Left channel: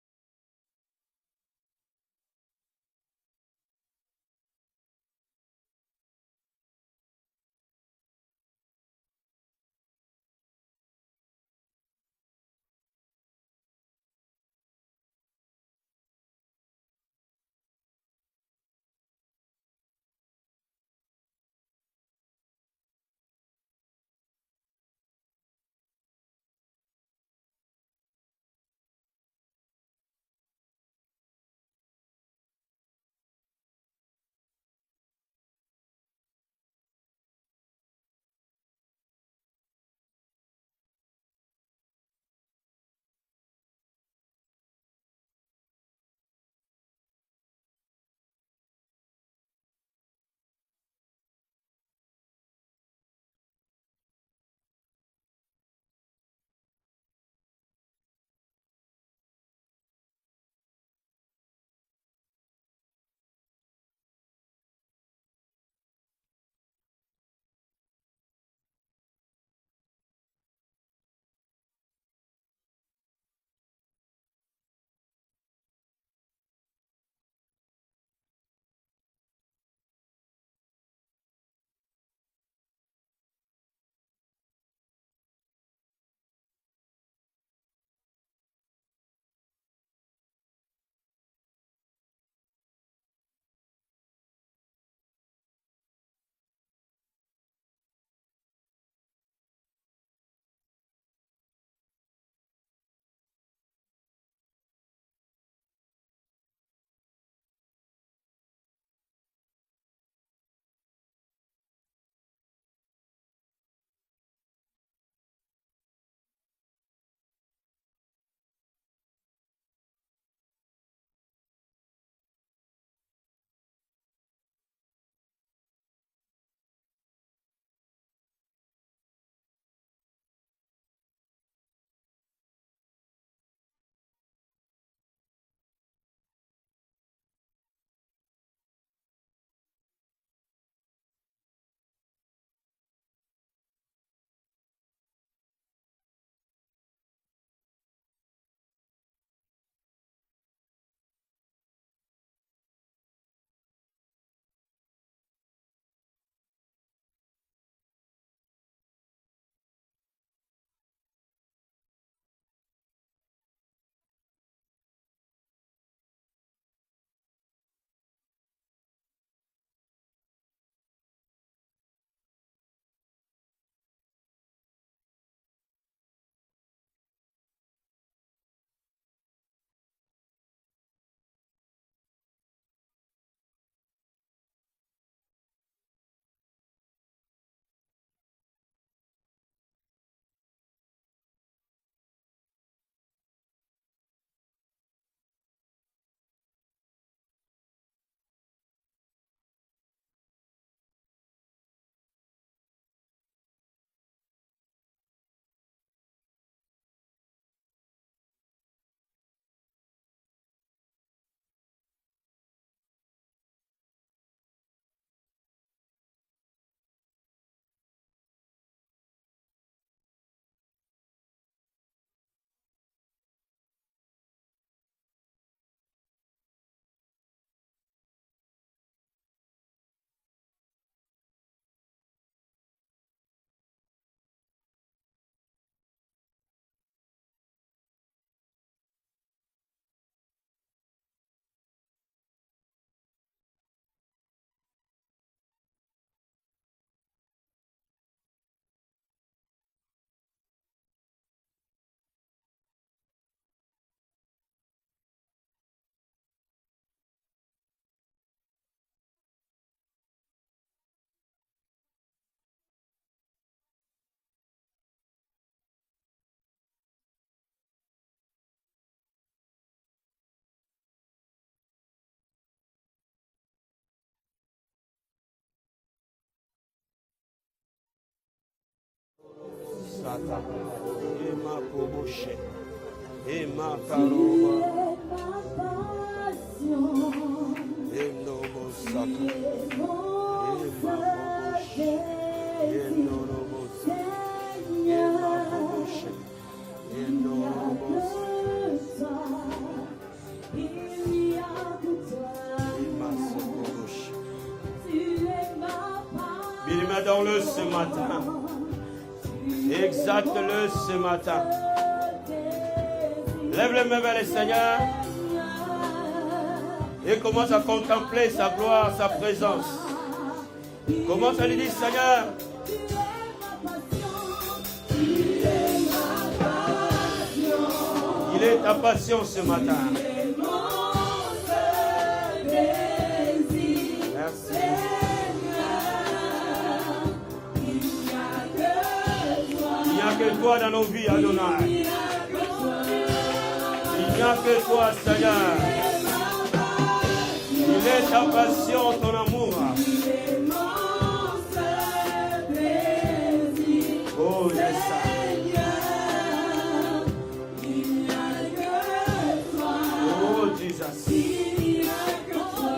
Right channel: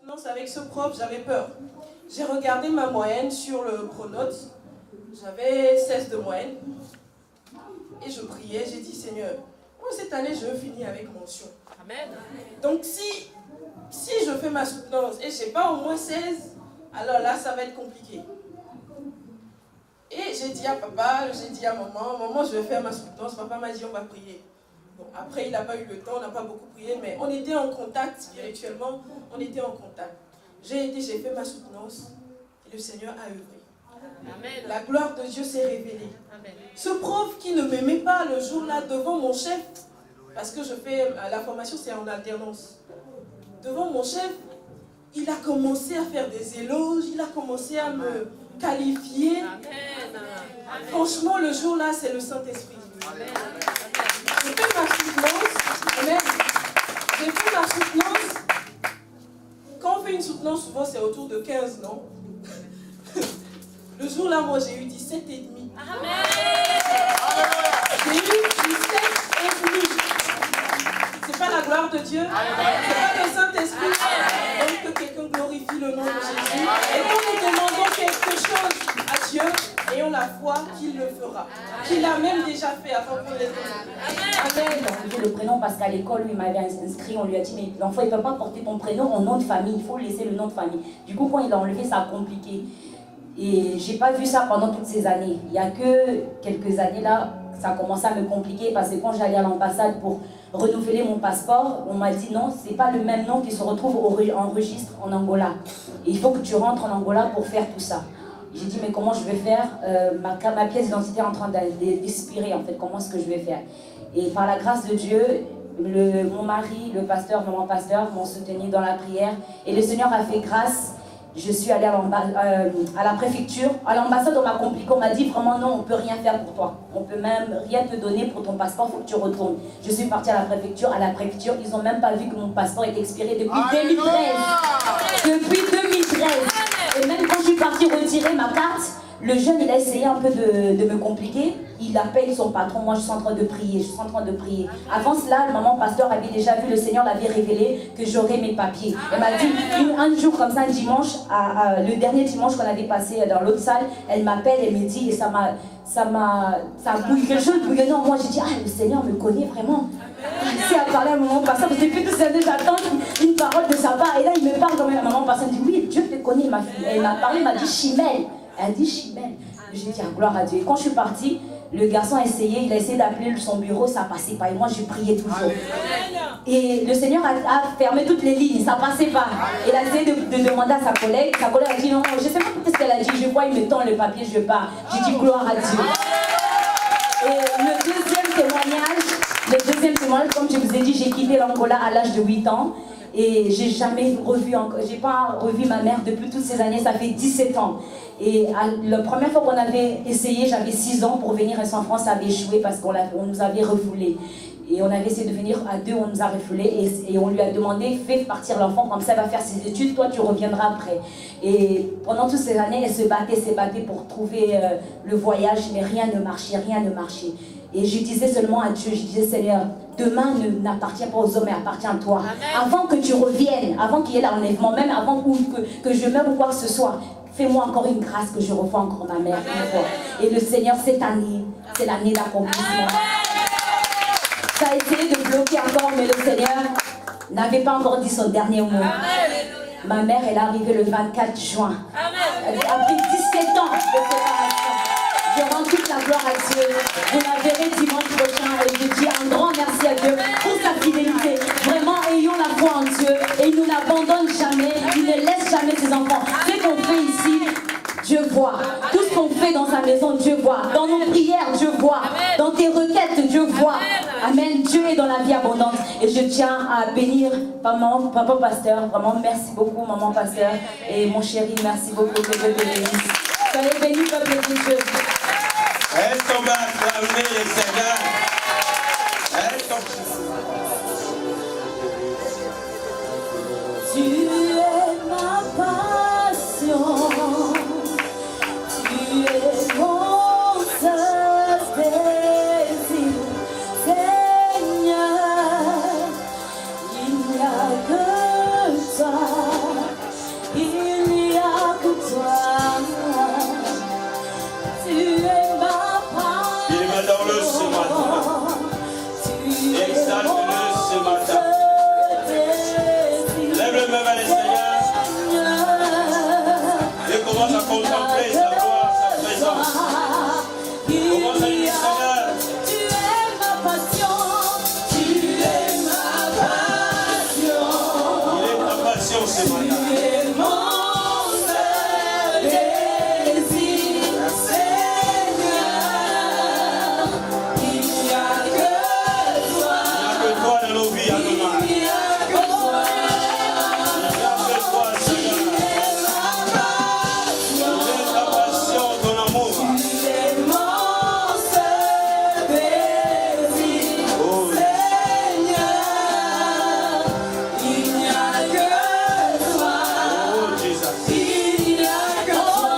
soutenance avec ce prof, j'avais peur. J'ai regardé ma moyenne sur le pronote. J'avais 16 de moyenne. Et je priais, j'ai dit, Seigneur, moi cette année, je veux finir avec mention. Amen. Donc si je fais ma soutenance et je n'ai pas au moins 16, alors là, ça va être compliqué. Et j'ai dit à papa, j'ai dit à maman, je vais faire ma soutenance. Papa m'a dit, on va prier. Bon, après, il n'a pas eu le temps, on n'a pas beaucoup prié, mais on était en contact spirituellement, on était en contact. J'ai fait ma soutenance et le Seigneur a œuvré. Amen. La gloire de Dieu s'est révélée. Amen. Ce prof qui ne m'aimait pas le jour-là devant mon chef, parce que je fais la formation, c'est en alternance. Devant mon chef, il a commencé à faire des éloges, il a commencé à me qualifier. Amen. Franchement, le jour-là, c'est le Saint-Esprit. J'ai fait ma soutenance. Amen. J'ai fait ma soutenance. Quand on fait une soutenance, souvent c'est autour de 15, non? Le jour-là, moi, j'ai eu 17 et demi. Amen. J'ai eu 17 et demi. C'est pas la gloire de Dieu. C'est pas le Saint-Esprit. Donc que quelqu'un glorifie le nom de Jésus. Et quand nous demandons quelque chose à Dieu, ayons la foi qu'il le fera. Qu'il a même déjà fait avant qu'on les demande. Amen. Il a enlevé le prénom parce qu'à l'école, lui, il m'avait inscrit, on lui a dit, mais l'enfant, il ne peut pas porter ton prénom en nom de famille, il faut laisser le nom de famille. Du coup, quand il a enlevé, ça a compliqué. Et j'ai pas vu ça pendant toutes ces années. Il n'y a que quelques années là, ça a commencé à me compliquer parce que quand j'allais à l'ambassade pour renouveler mon passeport, on m'a dit non, c'est pas le même nom qui se retrouve en registre en Angola. Et il faut que tu rentres en Angola pour faire tout ça. J'ai dit mais comment je vais faire, ma pièce d'identité est en train d'expirer en fait, comment est-ce que je vais faire? Et par la grâce de Dieu, mon mari, le pasteur, maman pasteur m'ont soutenu dans la prière et le Seigneur a fait grâce. Je suis allée à la préfecture. À l'ambassade, on m'a compliqué. On m'a dit vraiment non, on ne peut rien faire pour toi. On ne peut même rien te donner pour ton passeport, il faut que tu retournes. Je suis partie à la préfecture. À la préfecture, ils n'ont même pas vu que mon passeport est expiré depuis 2013. Depuis 2013. Et même quand je suis partie retirer ma carte, le jeune, il a essayé un peu de me compliquer. Il appelle son patron. Moi, je suis en train de prier. Avant cela, le maman pasteur avait déjà vu, le Seigneur l'avait révélé que j'aurais mes papiers. Elle m'a dit, un jour comme ça, un dimanche, le dernier dimanche qu'on avait passé dans l'autre salle, elle m'appelle et me dit, et ça a bouillé, quelque chose de bouillonnant. Moi, j'ai dit, le Seigneur me connaît vraiment. Si elle parlait à maman pasteur, parce que depuis toutes ces années, j'attends une parole de sa part. Et là, il me parle comme la maman pasteur. Elle dit, oui, Dieu te connaît, ma fille. Elle m'a parlé, elle m'a dit, Chimel. Elle a dit Chimel. J'ai dit gloire à Dieu. Et quand je suis partie, le garçon a essayé d'appeler son bureau, ça passait pas. Et moi, je priais toujours. Et le Seigneur a fermé toutes les lignes, ça passait pas. Il a essayé de demander à sa collègue. Sa collègue a dit non, je sais pas ce qu'elle a dit. Je vois, il me tend le papier, je pars. J'ai dit gloire à Dieu. Et le deuxième témoignage, comme je vous ai dit, j'ai quitté l'Angola à l'âge de 8 ans. Et j'ai pas revu ma mère depuis toutes ces années, ça fait 17 ans. Et la première fois qu'on avait essayé, j'avais 6 ans pour venir ici en France, ça avait échoué parce qu'on nous avait refoulés. Et on avait essayé de venir à deux, on nous a refoulés et on lui a demandé, fais partir l'enfant, comme ça elle va faire ses études, toi tu reviendras après. Et pendant toutes ces années, elle se battait pour trouver le voyage, mais rien ne marchait. Et je disais seulement à Dieu, je disais Seigneur, demain n'appartient pas aux hommes, mais appartient à toi. Amen. Avant que tu reviennes, avant qu'il y ait l'enlèvement, même avant que je meure ou quoi que ce soit, fais-moi encore une grâce que je revoie encore ma mère. Et le Seigneur, cette année, c'est l'année d'accomplissement. Ça a essayé de bloquer encore, mais le Seigneur n'avait pas encore dit son dernier mot. Amen. Ma mère, elle est arrivée le 24 juin. Amen. Après 17 ans de préparation. Je rends toute la gloire à Dieu. Vous la verrez dimanche prochain et je dis un grand merci à Dieu pour sa fidélité. Vraiment, ayons la foi en Dieu et il ne nous abandonne jamais. Il ne laisse jamais ses enfants. Ce qu'on fait ici, Dieu voit. Tout ce qu'on fait dans sa maison, Dieu voit. Dans nos prières, Dieu voit. Dans tes requêtes, Dieu voit. Amen. Dieu est dans la vie abondante. Et je tiens à bénir maman, papa pasteur. Vraiment, merci beaucoup, maman pasteur. Et mon chéri, merci beaucoup. Que Dieu te bénisse. Soyez bénis, peuple de Dieu. Est-ce qu'on va acclamer le Seigneur? Tu es ma passion. Tu es mon seul désir, Seigneur. Il n'y a que toi. matin. Exalte-le ce matin. Lève les mains vers le Seigneur. Et commence à contempler sa gloire, sa présence. Commence à lui dire, Seigneur, tu es ma passion, tu es ma passion. Il est ta passion ce matin. Tu es mon seul désir, Seigneur. Il n'y a que toi. Il n'y a que toi dans nos vies, Adonai. Il n'y a que toi. Il n'y a que toi, Seigneur. Il est ta passion, ton amour. Tu es mon seul désir, Oh, Seigneur. Il n'y a que toi. oh, Jésus. Il n'y a que toi.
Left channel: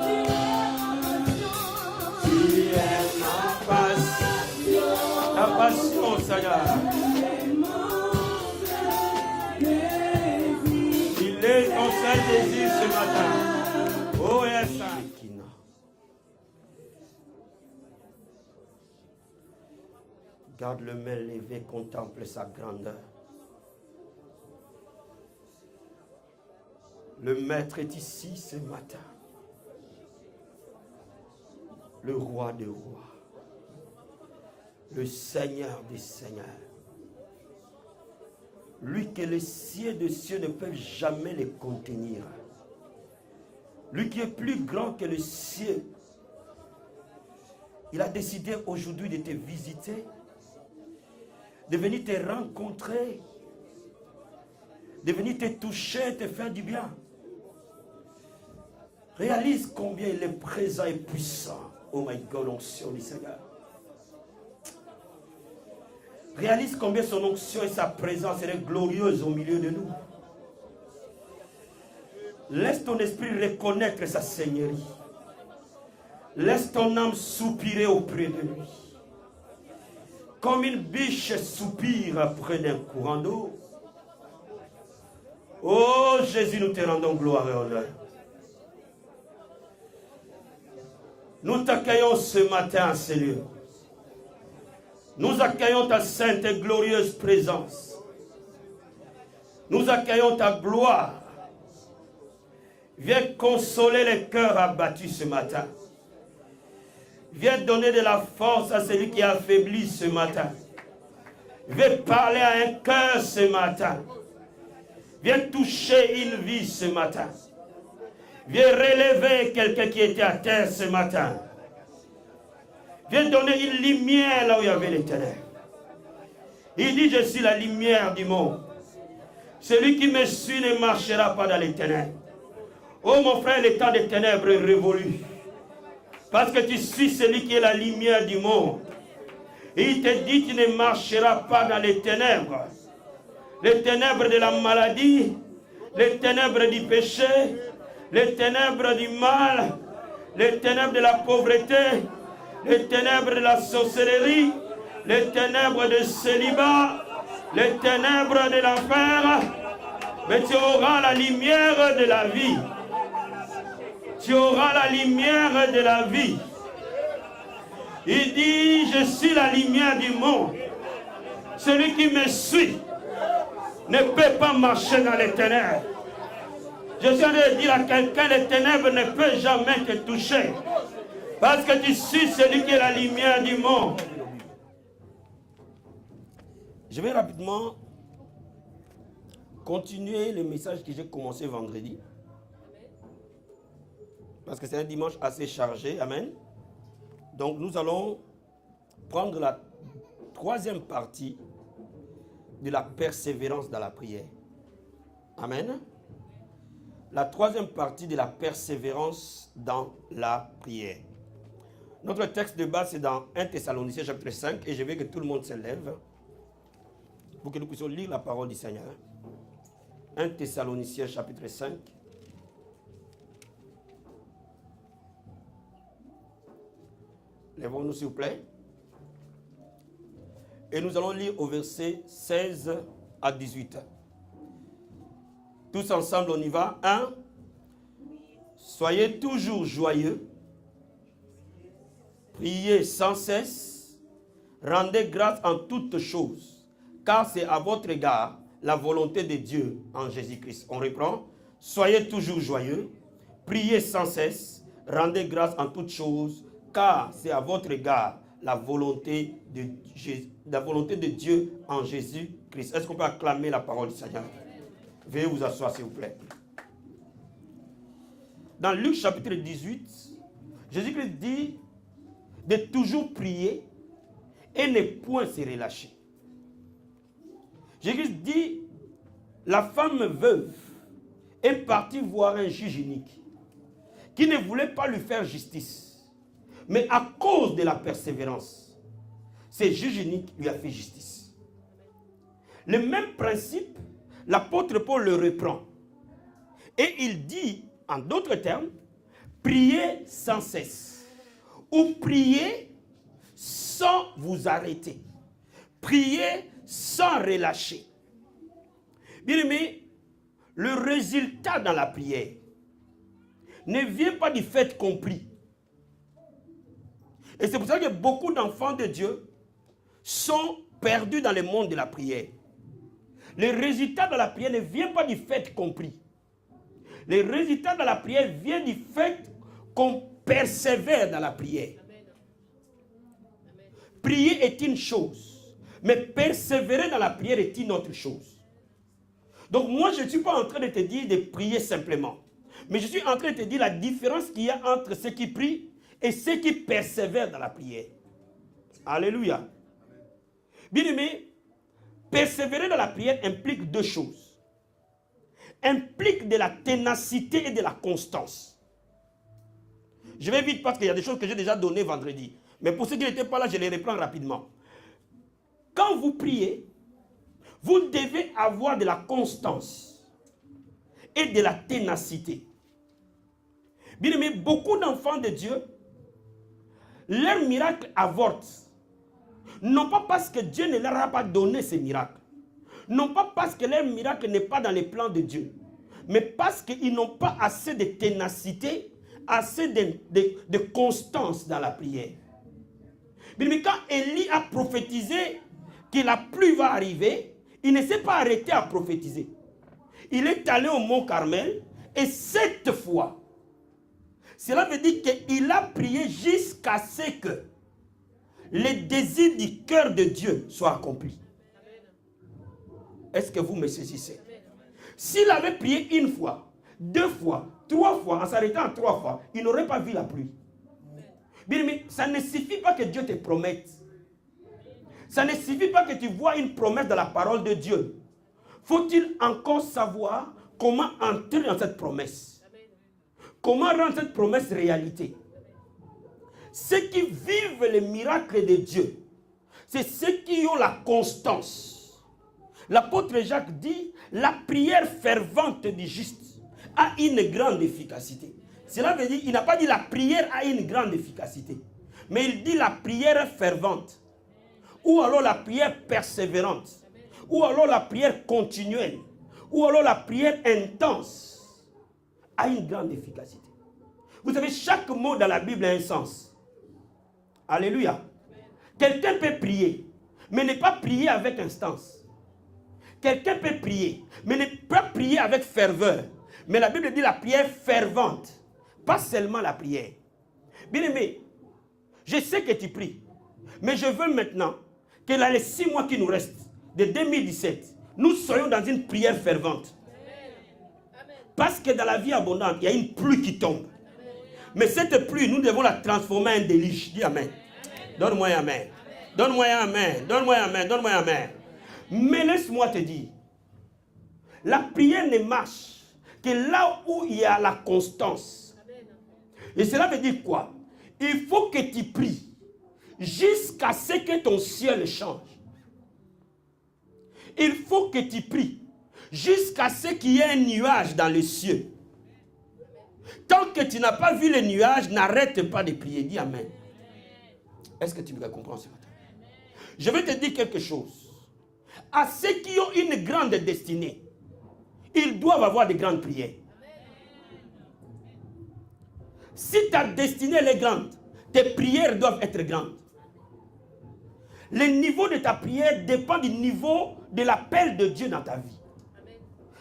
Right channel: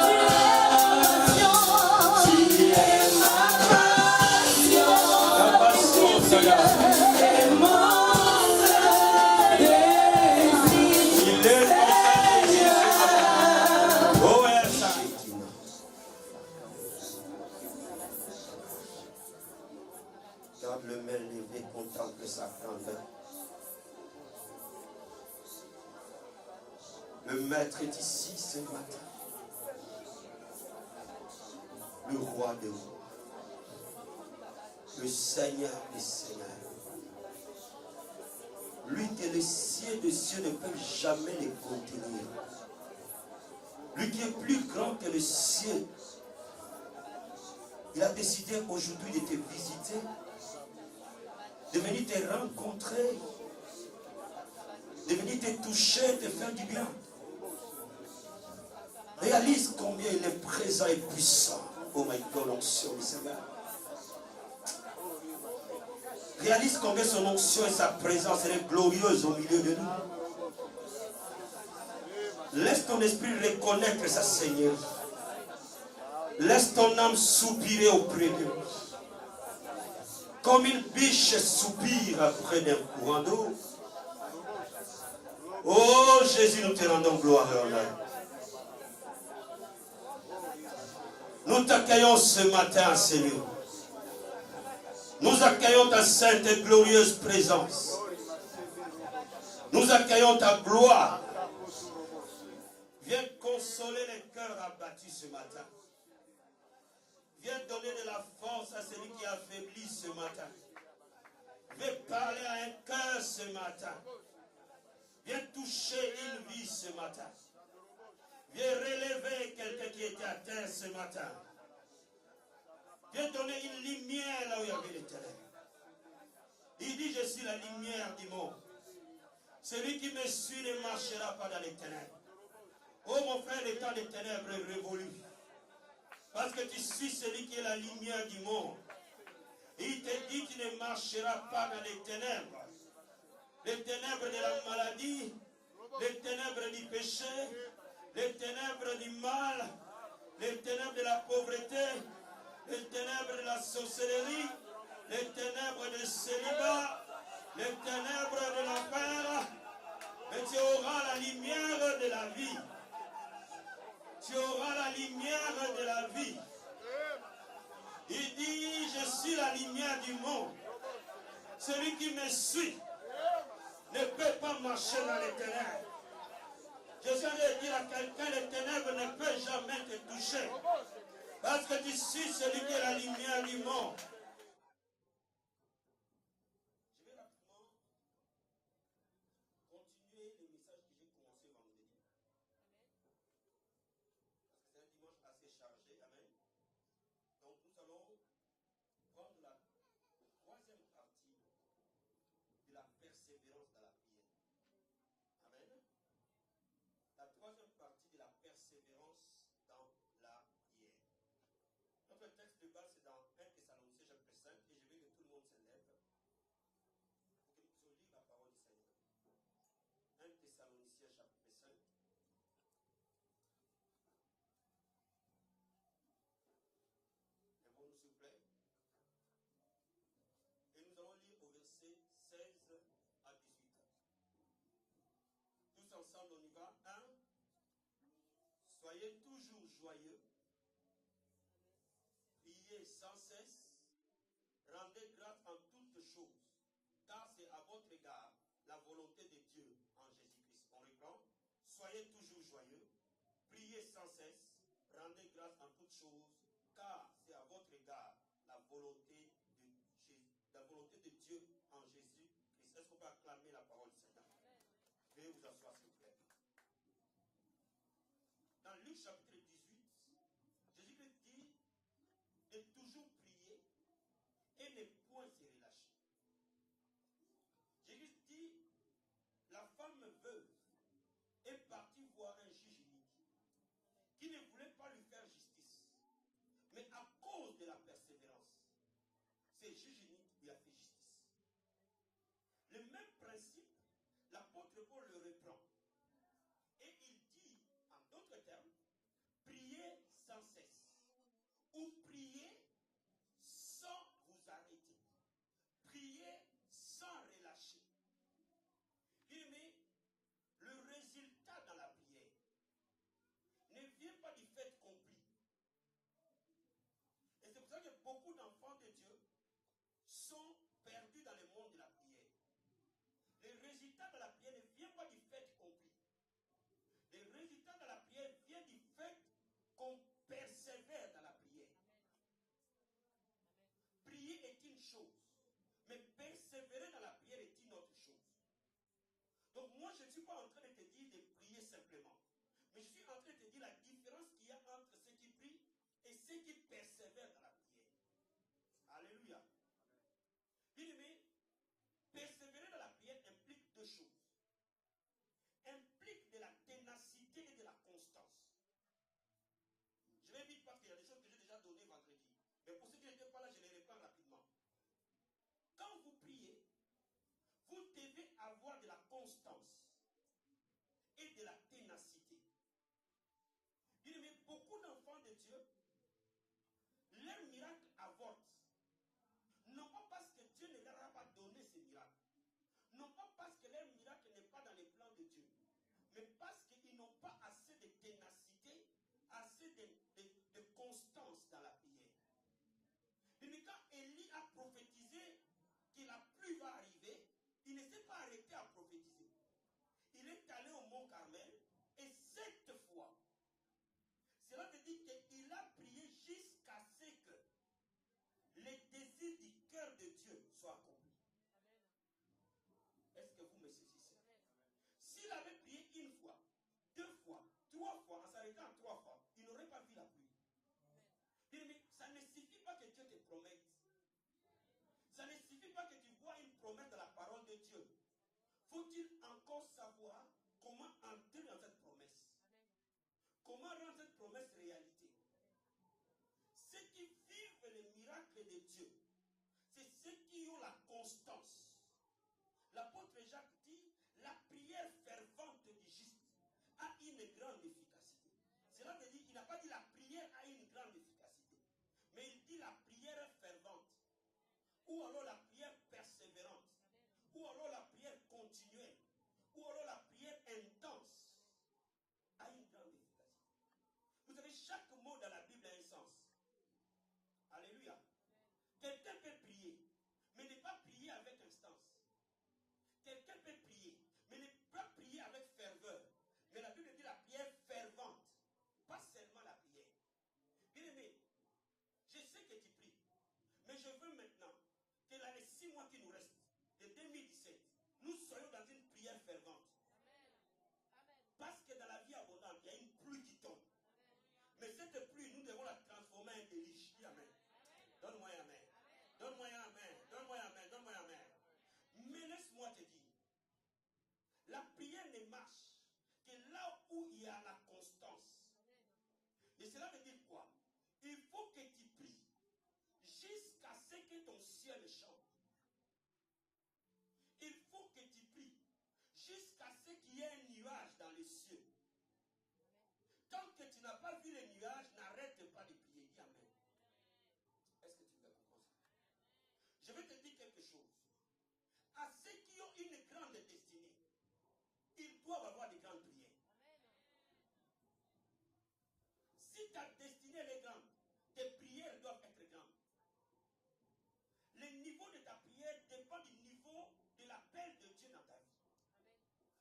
Tu es ma passion. Ta passion, Seigneur. Tu es mon seul désir. Il est ton seul désir ce matin. Oh, yes. Garde le main levée, contemple sa grandeur. Le Maître est ici ce matin. Le Roi des rois. Le Seigneur des seigneurs. Lui que les cieux des cieux ne peuvent jamais les contenir. Lui qui est plus grand que les cieux. Il a décidé aujourd'hui de te visiter, de venir te rencontrer, de venir te toucher, te faire du bien. Réalise combien il est présent et puissant. Oh my God, onction du Seigneur. Réalise combien son onction et sa présence est glorieuse au milieu de nous. Laisse ton esprit reconnaître sa Seigneurie. Laisse ton âme soupirer auprès de lui. Comme une biche soupire après un courant d'eau. Oh Jésus, nous te rendons gloire et honneur. Nous t'accueillons ce matin, Seigneur. Nous accueillons ta sainte et glorieuse présence. Nous accueillons ta gloire. Viens consoler les cœurs abattus ce matin. Viens donner de la force à celui qui est affaibli ce matin. Viens parler à un cœur ce matin. Viens toucher une vie ce matin. Viens relever quelqu'un qui était à terre ce matin. Viens donner une lumière là où il y avait les ténèbres. Il dit, je suis la lumière du monde. Celui qui me suit ne marchera pas dans les ténèbres. Oh mon frère, le temps des ténèbres est révolu. Parce que tu suis celui qui est la lumière du monde. Et il te dit, tu ne marcheras pas dans les ténèbres. Les ténèbres de la maladie, les ténèbres du péché, les ténèbres du mal, les ténèbres de la pauvreté, les ténèbres de la sorcellerie, les ténèbres de célibat, les ténèbres de l'enfer. Mais tu auras la lumière de la vie. Tu auras la lumière de la vie. Il dit, je suis la lumière du monde. Celui qui me suit ne peut pas marcher dans les ténèbres. Je suis en train de dire à quelqu'un, les ténèbres ne peuvent jamais te toucher. Parce que tu suis celui qui est la lumière du monde. Je vais rapidement continuer le message que j'ai commencé vendredi. Parce que c'est un dimanche assez chargé. Amen. Donc nous allons prendre la troisième partie de la persévérance dans la prière. Amen. La troisième partie de la persévérance dans la prière. Notre texte de base, c'est dans 1 Thessaloniciens chapitre 5. Et je veux que tout le monde se lève pour que nous puissions lire la parole du Seigneur. 1 Thessaloniciens chapitre 5. Lèvons-nous s'il vous plaît. Et nous allons lire au verset 16 à 18. Tous ensemble, on y va. 1. Soyez toujours joyeux. Priez sans cesse. rendez grâce en toutes choses, car c'est à votre égard la volonté de Dieu en Jésus-Christ. On reprend. Soyez toujours joyeux, priez sans cesse, rendez grâce en toutes choses, car c'est à votre égard la volonté de Dieu en Jésus-Christ. Est-ce qu'on peut acclamer la parole du Seigneur? Veuillez vous asseoir, s'il vous plaît. Dans Luc chapitre 18, Jésus-Christ dit de toujours prier et ne point se relâcher. Jésus-Christ dit, la femme veuve est partie voir un juge unique qui ne voulait pas lui faire justice. Mais à cause de la persévérance, ce juge unique lui a fait justice. Le même principe, l'apôtre Paul le reprend. Et il dit, en d'autres termes, priez sans cesse. Ou priez sans vous arrêter. Priez sans relâcher. Bien aimé, le résultat dans la prière ne vient pas du fait qu'on prie. Et c'est pour ça que beaucoup d'enfants de Dieu sont perdus dans le monde de la prière. Le résultat de la prière ne vient pas du fait qu'on prie. Le résultat de la prière vient du fait qu'on persévère dans la prière. Prier est une chose, mais persévérer dans la prière est une autre chose. Donc moi, je ne suis pas en train de te dire de prier simplement. Mais je suis en train de te dire la différence qu'il y a entre ceux qui prient et ceux qui persévèrent dans la prière. Alléluia. Bien aimé, persévérer dans la prière implique deux choses. Implique de la ténacité et de la constance. Je vais vite parce qu'il y a des choses que j'ai déjà données vendredi. Mais pour ceux qui n'étaient pas là, je les reprends rapidement. Quand vous priez, vous devez avoir de la constance et de la ténacité. Bien aimé, beaucoup d'enfants de Dieu, leur miracle avorte. Non pas parce que Dieu ne leur a pas donné ces miracles. Non pas parce que leur miracle n'est pas dans les plans de Dieu. Mais parce qu'ils n'ont pas assez de ténacité, assez de constance dans la prière. Bien aimé, quand Élie a prophétisé que la pluie va arriver, il ne s'est pas arrêté à prophétiser. Il est allé au mont Carmel et 7 fois, cela veut dire qu'il a prié jusqu'à ce que les désirs du cœur de Dieu soient accomplis. Est-ce que vous me saisissez? S'il avait prié une fois, 2 fois, 3 fois, en s'arrêtant 3 fois, il n'aurait pas vu la pluie. Bien, mais ça ne suffit pas que Dieu te promette. Ça ne suffit pas que tu vois une promesse dans la parole de Dieu. Faut-il encore savoir comment entrer dans cette promesse? Comment rendre cette promesse réalité? Ceux qui vivent les miracles de Dieu, c'est ceux qui ont la constance. L'apôtre Jacques dit, la prière fervente du juste a une grande efficacité. Cela veut dire, il n'a pas dit la prière a une grande efficacité, mais il dit la prière fervente, ou alors la prière persévérante, ou alors la prière continuelle, ou alors la prière intense, a une grande efficacité. Vous savez, chaque mot dans la Bible a un sens. Alléluia. Quelqu'un peut prier, mais ne pas prier avec instance. Quelqu'un peut prier, mais ne pas prier avec ferveur. Mais la Bible dit la prière fervente, pas seulement la prière. Bien aimé, je sais que tu pries, mais je veux maintenant que dans les 6 mois qui nous restent, de 2017, nous soyons dans une prière fervente. Parce que dans la vie abondante, il y a une pluie qui tombe. Mais cette pluie, nous devons la transformer en déluge. Dis amen. Donne-moi un amen. Donne-moi un amen. Donne-moi un amen. Donne-moi un amen. Mais laisse-moi te dire, la prière ne marche que là où il y a la constance. Et cela veut dire quoi? Il faut que tu pries jusqu'à ce que ton ciel change. Il faut que tu pries jusqu'à ce qu'il y ait un nuage dans les cieux. Tant que tu n'as pas vu le nuage, n'arrête pas de prier. Dis amen. Est-ce que tu me comprends ce matin? Je vais te dire quelque chose. À ceux qui ont une grande destinée, ils doivent avoir de grandes prières. Si ta destinée est grande, tes prières doivent être grandes. Le niveau de ta prière dépend du niveau de l'appel de Dieu dans ta vie.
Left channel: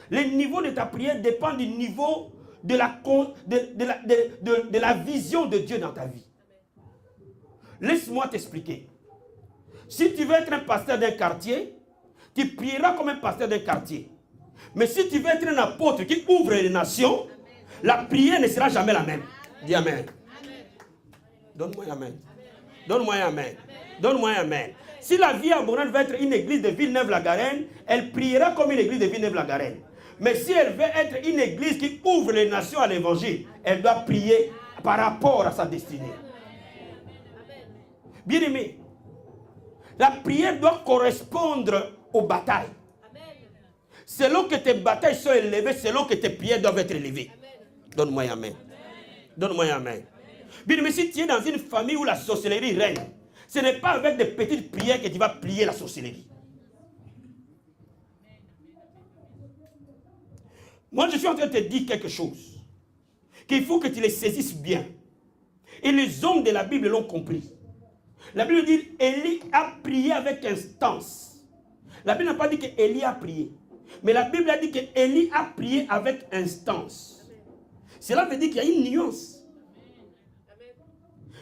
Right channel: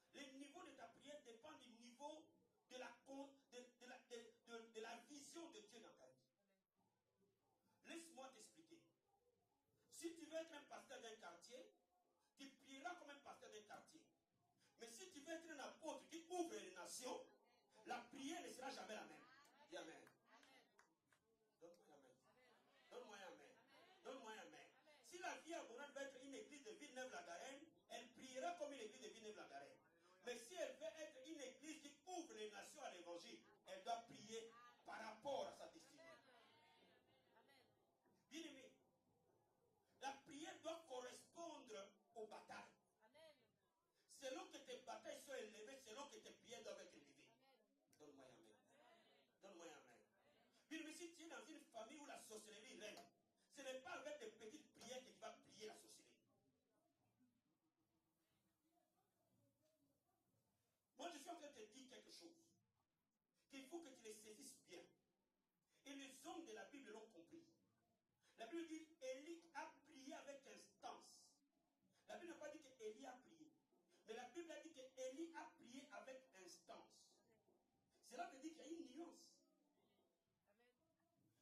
Le niveau de ta prière dépend du niveau de la vision de Dieu dans ta vie. Laisse-moi t'expliquer. Si tu veux être un pasteur d'un quartier, tu prieras comme un pasteur d'un quartier. Mais si tu veux être un apôtre qui ouvre les nations, la prière ne sera jamais la même. Dis Amen. Donne-moi un Amen. Donne-moi un Amen. Donne-moi un Amen. Si la vie abondante va être une église de Villeneuve-la-Garenne, elle priera comme une église de Villeneuve-la-Garenne. Mais si elle veut être une église qui ouvre les nations à l'évangile, elle doit prier par rapport à sa destinée. Bien aimé, la prière doit correspondre aux batailles. Selon que tes batailles sont élevées, selon que tes prières doivent être élevées. Donne-moi un Amen. Donne-moi un Amen. Bien aimé, si tu es dans une famille où la sorcellerie règne, ce n'est pas avec des petites prières que tu vas plier la sorcellerie. Moi, je suis en train de te dire quelque chose qu'il faut que tu les saisisses bien. Et les hommes de la Bible l'ont compris. La Bible dit qu'Élie a prié avec instance. La Bible n'a pas dit qu'Élie a prié. Mais la Bible a dit qu'Élie a prié avec instance. Cela veut dire qu'il y a une nuance.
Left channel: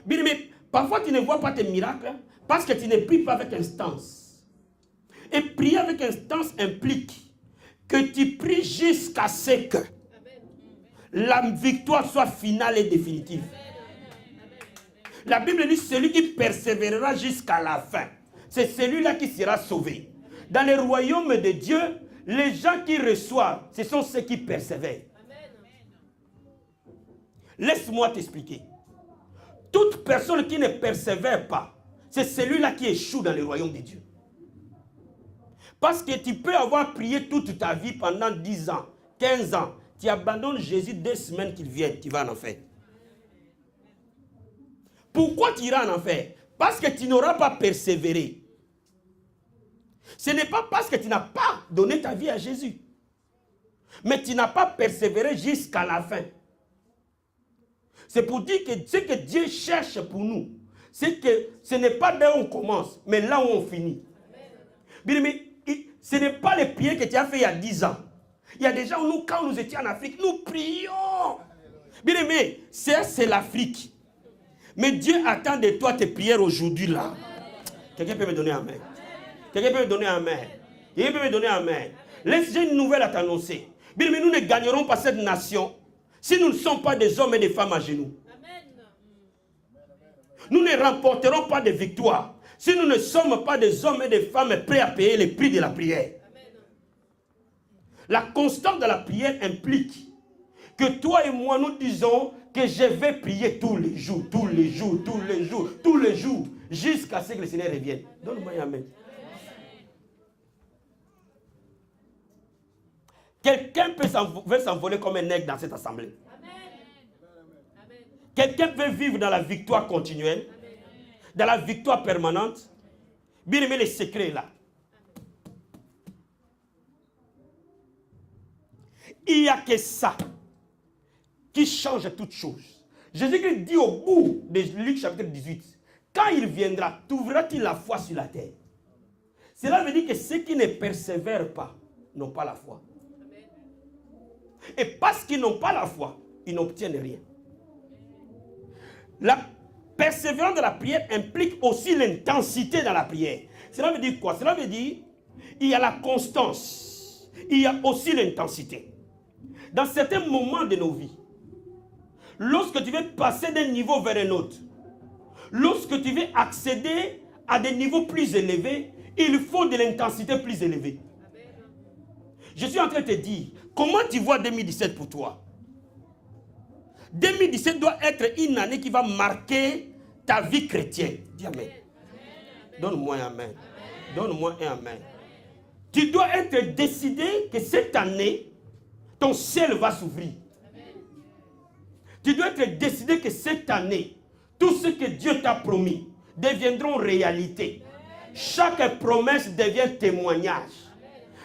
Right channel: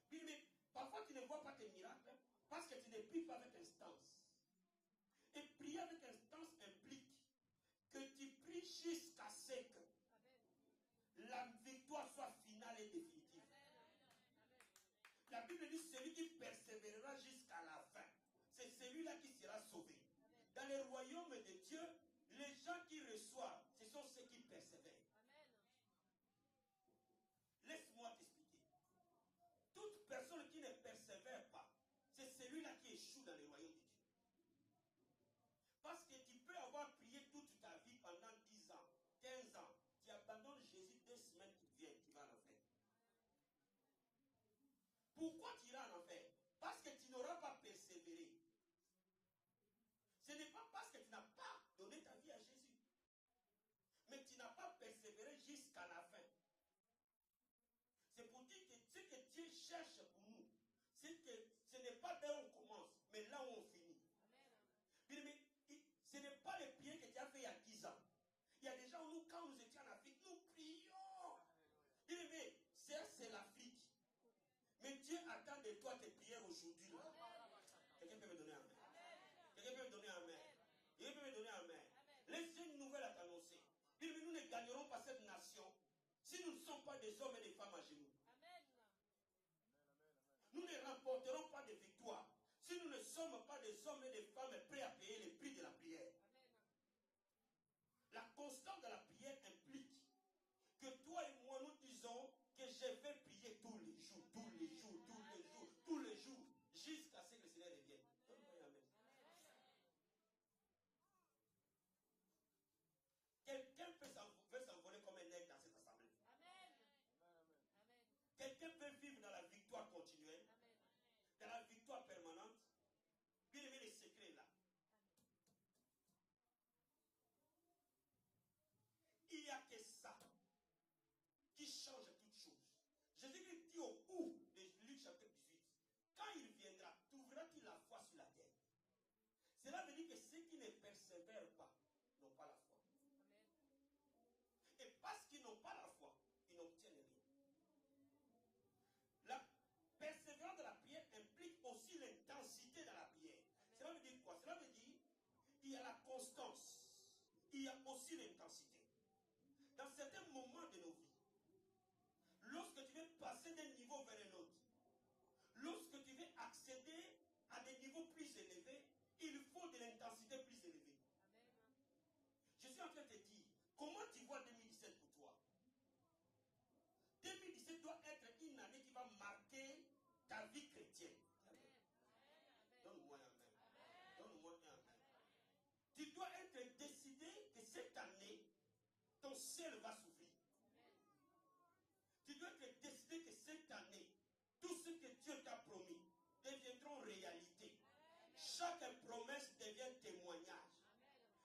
Bien, mais parfois tu ne vois pas tes miracles parce que tu ne pries pas avec instance. Et prier avec instance implique que tu pries jusqu'à ce que la victoire soit finale et définitive. La Bible dit celui qui persévérera jusqu'à la fin, c'est celui-là qui sera sauvé. Dans le royaume de Dieu, les gens qui reçoivent, ce sont ceux qui persévèrent. Laisse-moi t'expliquer. Toute personne qui ne persévère pas, c'est celui-là qui échoue dans le royaume de Dieu. Parce que tu peux avoir prié toute ta vie pendant 10 ans, 15 ans. Tu abandonnes Jésus 2 semaines qu'il vienne, tu vas en enfer. Pourquoi tu iras en enfer? Parce que tu n'auras pas persévéré. Ce n'est pas parce que tu n'as pas donné ta vie à Jésus. Mais tu n'as pas persévéré jusqu'à la fin. C'est pour dire que ce que Dieu cherche pour nous, c'est que ce n'est pas là où on commence, mais là où on finit. Bien, mais ce n'est pas les prières que tu as fait il y a 10 ans. Il y a des gens, nous, quand nous étions en Afrique, nous prions. Bien aimé, c'est l'Afrique. Mais Dieu attend de toi tes prières aujourd'hui là. Quelqu'un peut me donner un amen? Quelqu'un peut me donner un amen? Quelqu'un peut me donner un amen? J'ai une nouvelle à t'annoncer. Bien aimé, nous ne gagnerons pas cette nation si nous ne sommes pas des hommes et des femmes à genoux. Nous ne remporterons pas de victoire si nous ne sommes pas des hommes et des femmes prêts à payer le prix de la prière. La constance de la prière implique que toi et moi nous disons que je vais prier tous les jours, tous les jours, tous les jours, tous les jours, jusqu'à ce que le Seigneur revienne. Donne-moi un amen. Quelqu'un veut s'envoler comme un aigle dans cette assemblée. Quelqu'un peut vivre dans la victoire continuelle, dans la victoire permanente. Bien aimé, les secrets là. Il n'y a que ça qui change toute chose. Jésus-Christ dit au bout de Luc chapitre 18, quand il viendra, t'ouvriras-t-il la foi sur la terre? Cela veut dire que ceux qui ne persévèrent pas n'ont pas la foi. Et parce qu'ils n'ont pas la foi, ils n'obtiennent rien. La persévérance de la prière implique aussi l'intensité dans la prière. Cela veut dire quoi? Cela veut dire il y a la constance, il y a aussi l'intensité. Dans certains moments de nos vies, lorsque tu veux passer d'un niveau vers un autre, lorsque tu veux accéder à des niveaux plus élevés, il faut de l'intensité plus élevée. Je suis en train de te dire, comment tu vois 2017 pour toi? 2017 doit être une année qui va marquer ta vie chrétienne. Dis amen. Donne-moi un amen. Donne-moi un amen. Tu dois être décidé que cette année, ton ciel va s'ouvrir. Tu dois être décidé que cette année, tout ce que Dieu t'a promis deviendront réalité. Chaque promesse devient témoignage.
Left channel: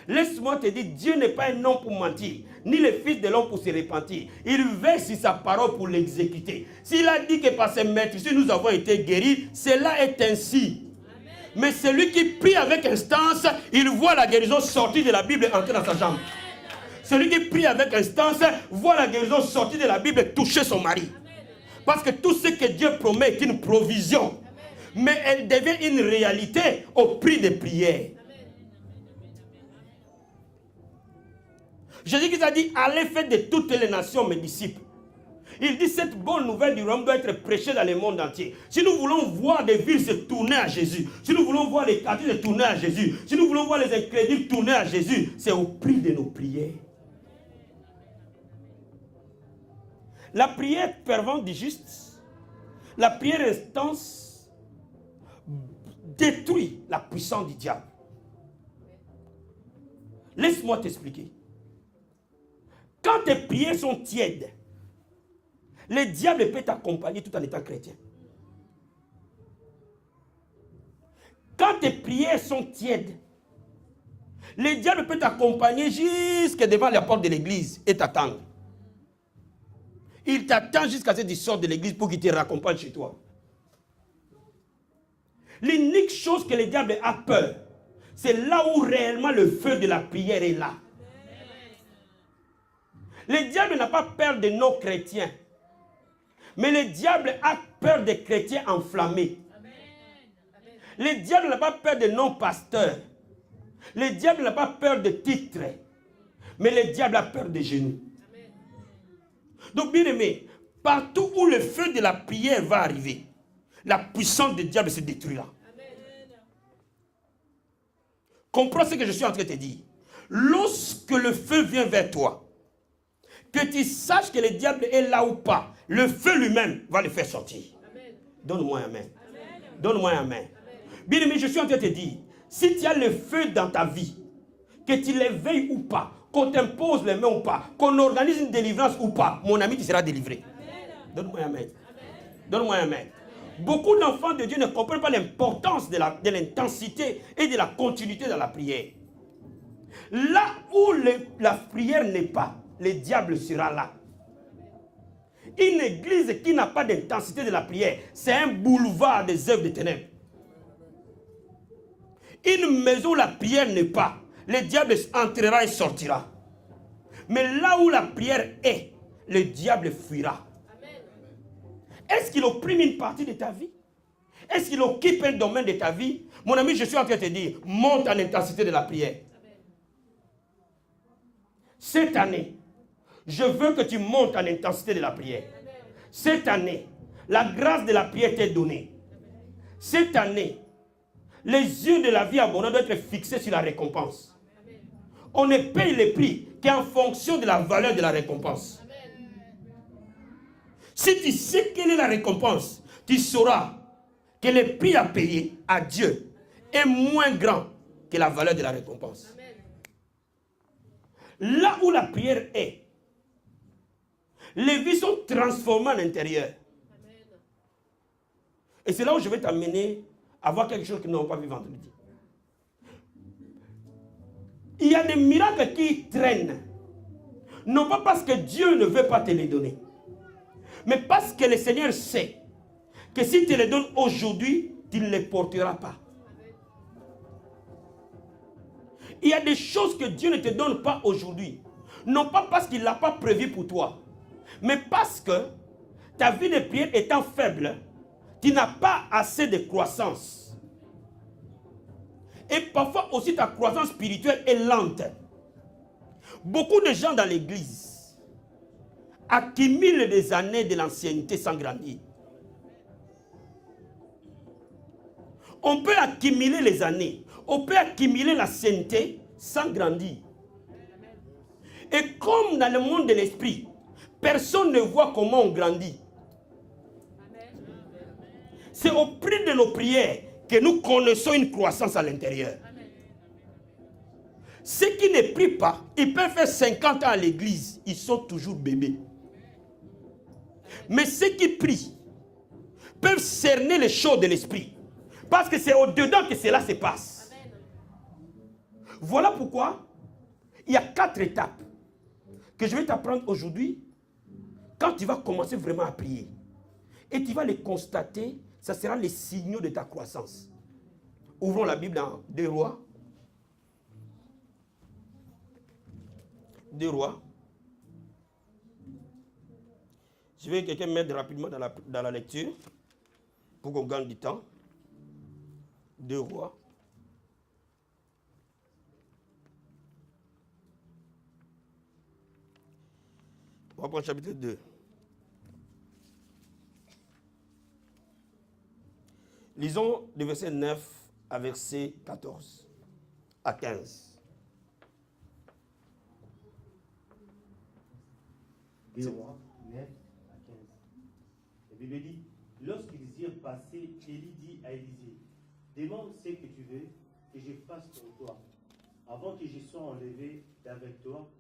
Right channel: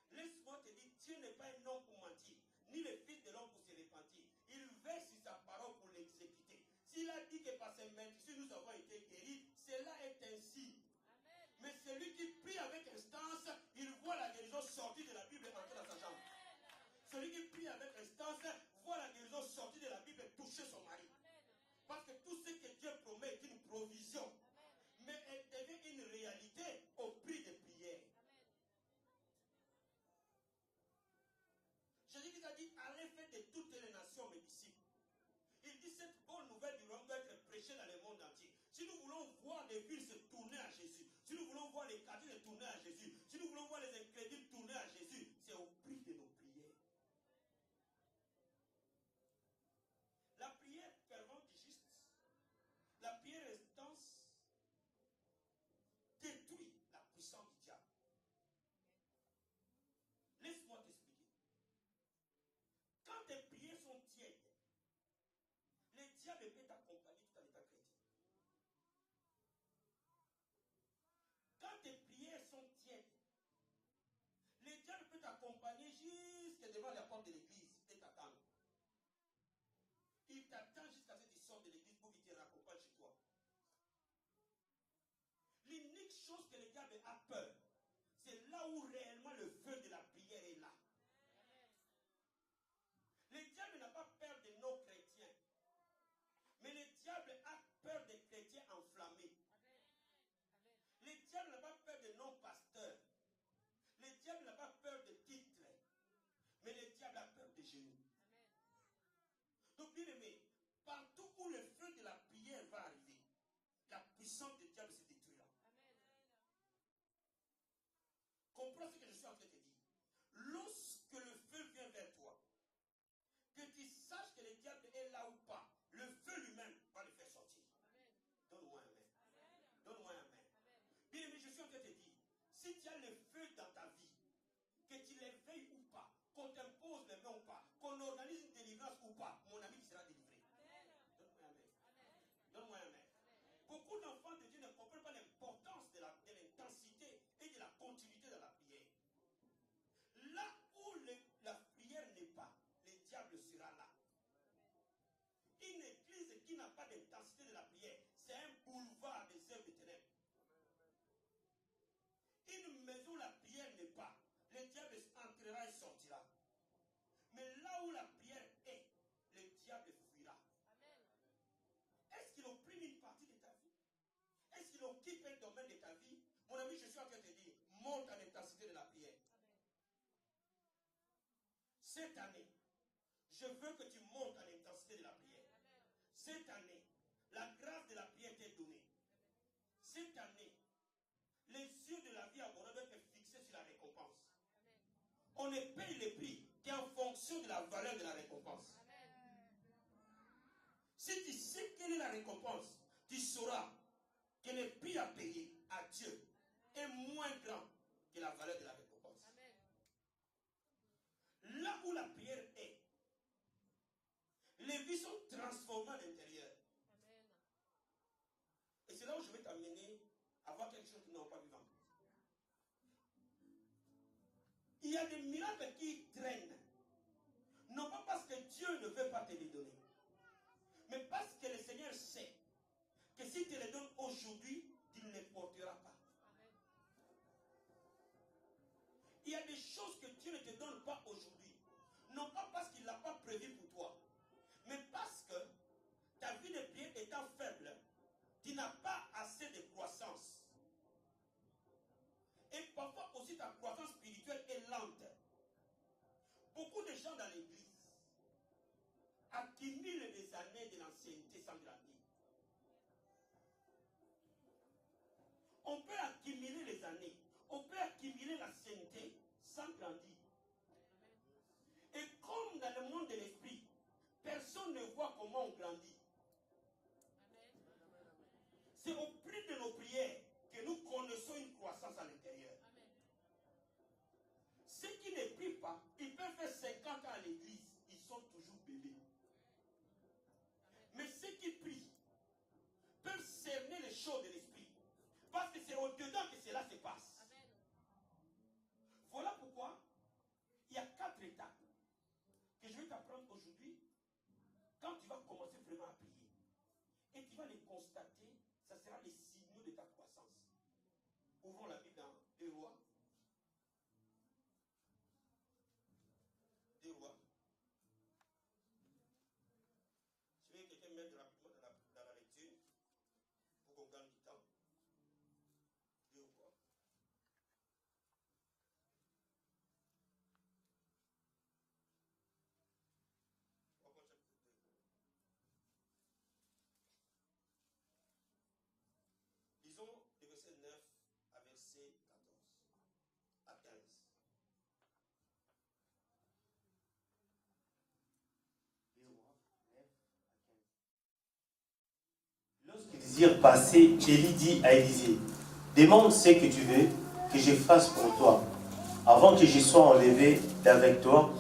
Laisse-moi te dire, Dieu n'est pas un homme pour mentir, ni le fils de l'homme pour se repentir. Il veille sur sa parole pour l'exécuter. S'il a dit que par ses maîtres, si nous avons été guéris, cela est ainsi. Mais celui qui prie avec instance, il voit la guérison sortir de la Bible et entrer dans sa jambe. Celui qui prie avec instance, voit la guérison sortir de la Bible et toucher son mari. Parce que tout ce que Dieu promet est une provision. Mais elle devient une réalité au prix des prières. Jésus a dit, allez faire de toutes les nations mes disciples. Il dit, cette bonne nouvelle du royaume doit être prêchée dans le monde entier. Si nous voulons voir des villes se tourner à Jésus, si nous voulons voir les quartiers se tourner à Jésus, si nous voulons voir les incrédules tourner à Jésus, c'est au prix de nos prières. La prière fervente du juste, la prière intense détruit la puissance du diable. Laisse-moi t'expliquer. Quand tes prières sont tièdes, le diable peut t'accompagner tout en étant chrétien. Quand tes prières sont tièdes, le diable peut t'accompagner jusque devant la porte de l'église et t'attendre. Il t'attend jusqu'à ce que tu sortes de l'église pour qu'il te raccompagne chez toi. L'unique chose que le diable a peur, c'est là où réellement le feu de la prière est là. Le diable n'a pas peur de nos chrétiens. Mais le diable a peur des chrétiens enflammés. Le diable n'a pas peur de non-pasteurs. Le diable n'a pas peur de titres. Mais le diable a peur des genoux. Donc, bien aimé, partout où le feu de la prière va arriver, la puissance du diable se détruira. Comprends ce que je suis en train de te dire. Lorsque le feu vient vers toi, que tu saches que le diable est là ou pas, le feu lui-même va le faire sortir. Donne-moi un amen. Donne-moi un amen. Bien aimé, je suis en train de te dire, si tu as le feu dans ta vie, que tu l'éveilles ou pas, qu'on t'impose les mains ou pas, qu'on organise une délivrance ou pas, mon ami, tu seras délivré. Donne-moi un amen. Donne-moi un amen. Beaucoup d'enfants de Dieu ne comprennent pas l'importance de l'intensité et de la continuité dans la prière. Là où la prière n'est pas, le diable sera là. Une église qui n'a pas d'intensité de la prière, c'est un boulevard des œuvres des ténèbres. Une maison où la prière n'est pas, le diable entrera et sortira. Mais là où la prière est, le diable fuira. Est-ce qu'il opprime une partie de ta vie? Est-ce qu'il occupe un domaine de ta vie? Mon ami, je suis en train de te dire, monte en intensité de la prière. Cette année, je veux que tu montes en intensité de la prière. Cette année, la grâce de la prière t'est donnée. Cette année, les yeux de la vie abondante doivent être fixés sur la récompense. On ne paye les prix qu'en fonction de la valeur de la récompense. Si tu sais quelle est la récompense, tu sauras que le prix à payer à Dieu est moins grand que la valeur de la récompense. Là où la prière est, les vies sont transformées à l'intérieur. Et c'est là où je vais t'amener à voir quelque chose que nous n'avons pas vu vendredi. Il y a des miracles qui traînent. Non pas parce que Dieu ne veut pas te les donner, mais parce que le Seigneur sait que si tu les donnes aujourd'hui, tu ne les porteras pas. Il y a des choses que Dieu ne te donne pas aujourd'hui. Non pas parce qu'il ne l'a pas prévu pour toi, mais parce que ta vie de prière étant faible, tu n'as pas assez de croissance. Et parfois aussi ta croissance spirituelle est lente. Beaucoup de gens dans l'église accumulent des années de l'ancienneté sans grandir. On peut accumuler les années, on peut accumuler l'ancienneté sans grandir. Et comme dans le monde de l'esprit, personne ne voit comment on grandit. C'est au prix de nos prières que nous connaissons une croissance à l'intérieur. Ceux qui ne prient pas, ils peuvent faire 50 ans à l'église, ils sont toujours bébés. Mais ceux qui prient peuvent cerner les choses de l'esprit. Parce que c'est au-dedans que cela se passe. Voilà pourquoi il y a 4 étapes que je vais t'apprendre aujourd'hui. Quand tu vas commencer vraiment à prier, et tu vas les constater, ça sera les signaux de ta croissance. Ouvrons la Bible dans 2 Rois. 2 Rois. Je vais quelqu'un mettre rapidement dans la lecture pour qu'on gagne du temps. 2 Rois. On va prendre chapitre 2. Lisons le verset 9 à verset 14 à 15. 2 Rois 9 à 15. La Bible dit, lorsqu'ils irent passer, Élie dit à Élisée, demande ce que tu veux que je fasse pour toi. Avant que je sois enlevé d'avec toi,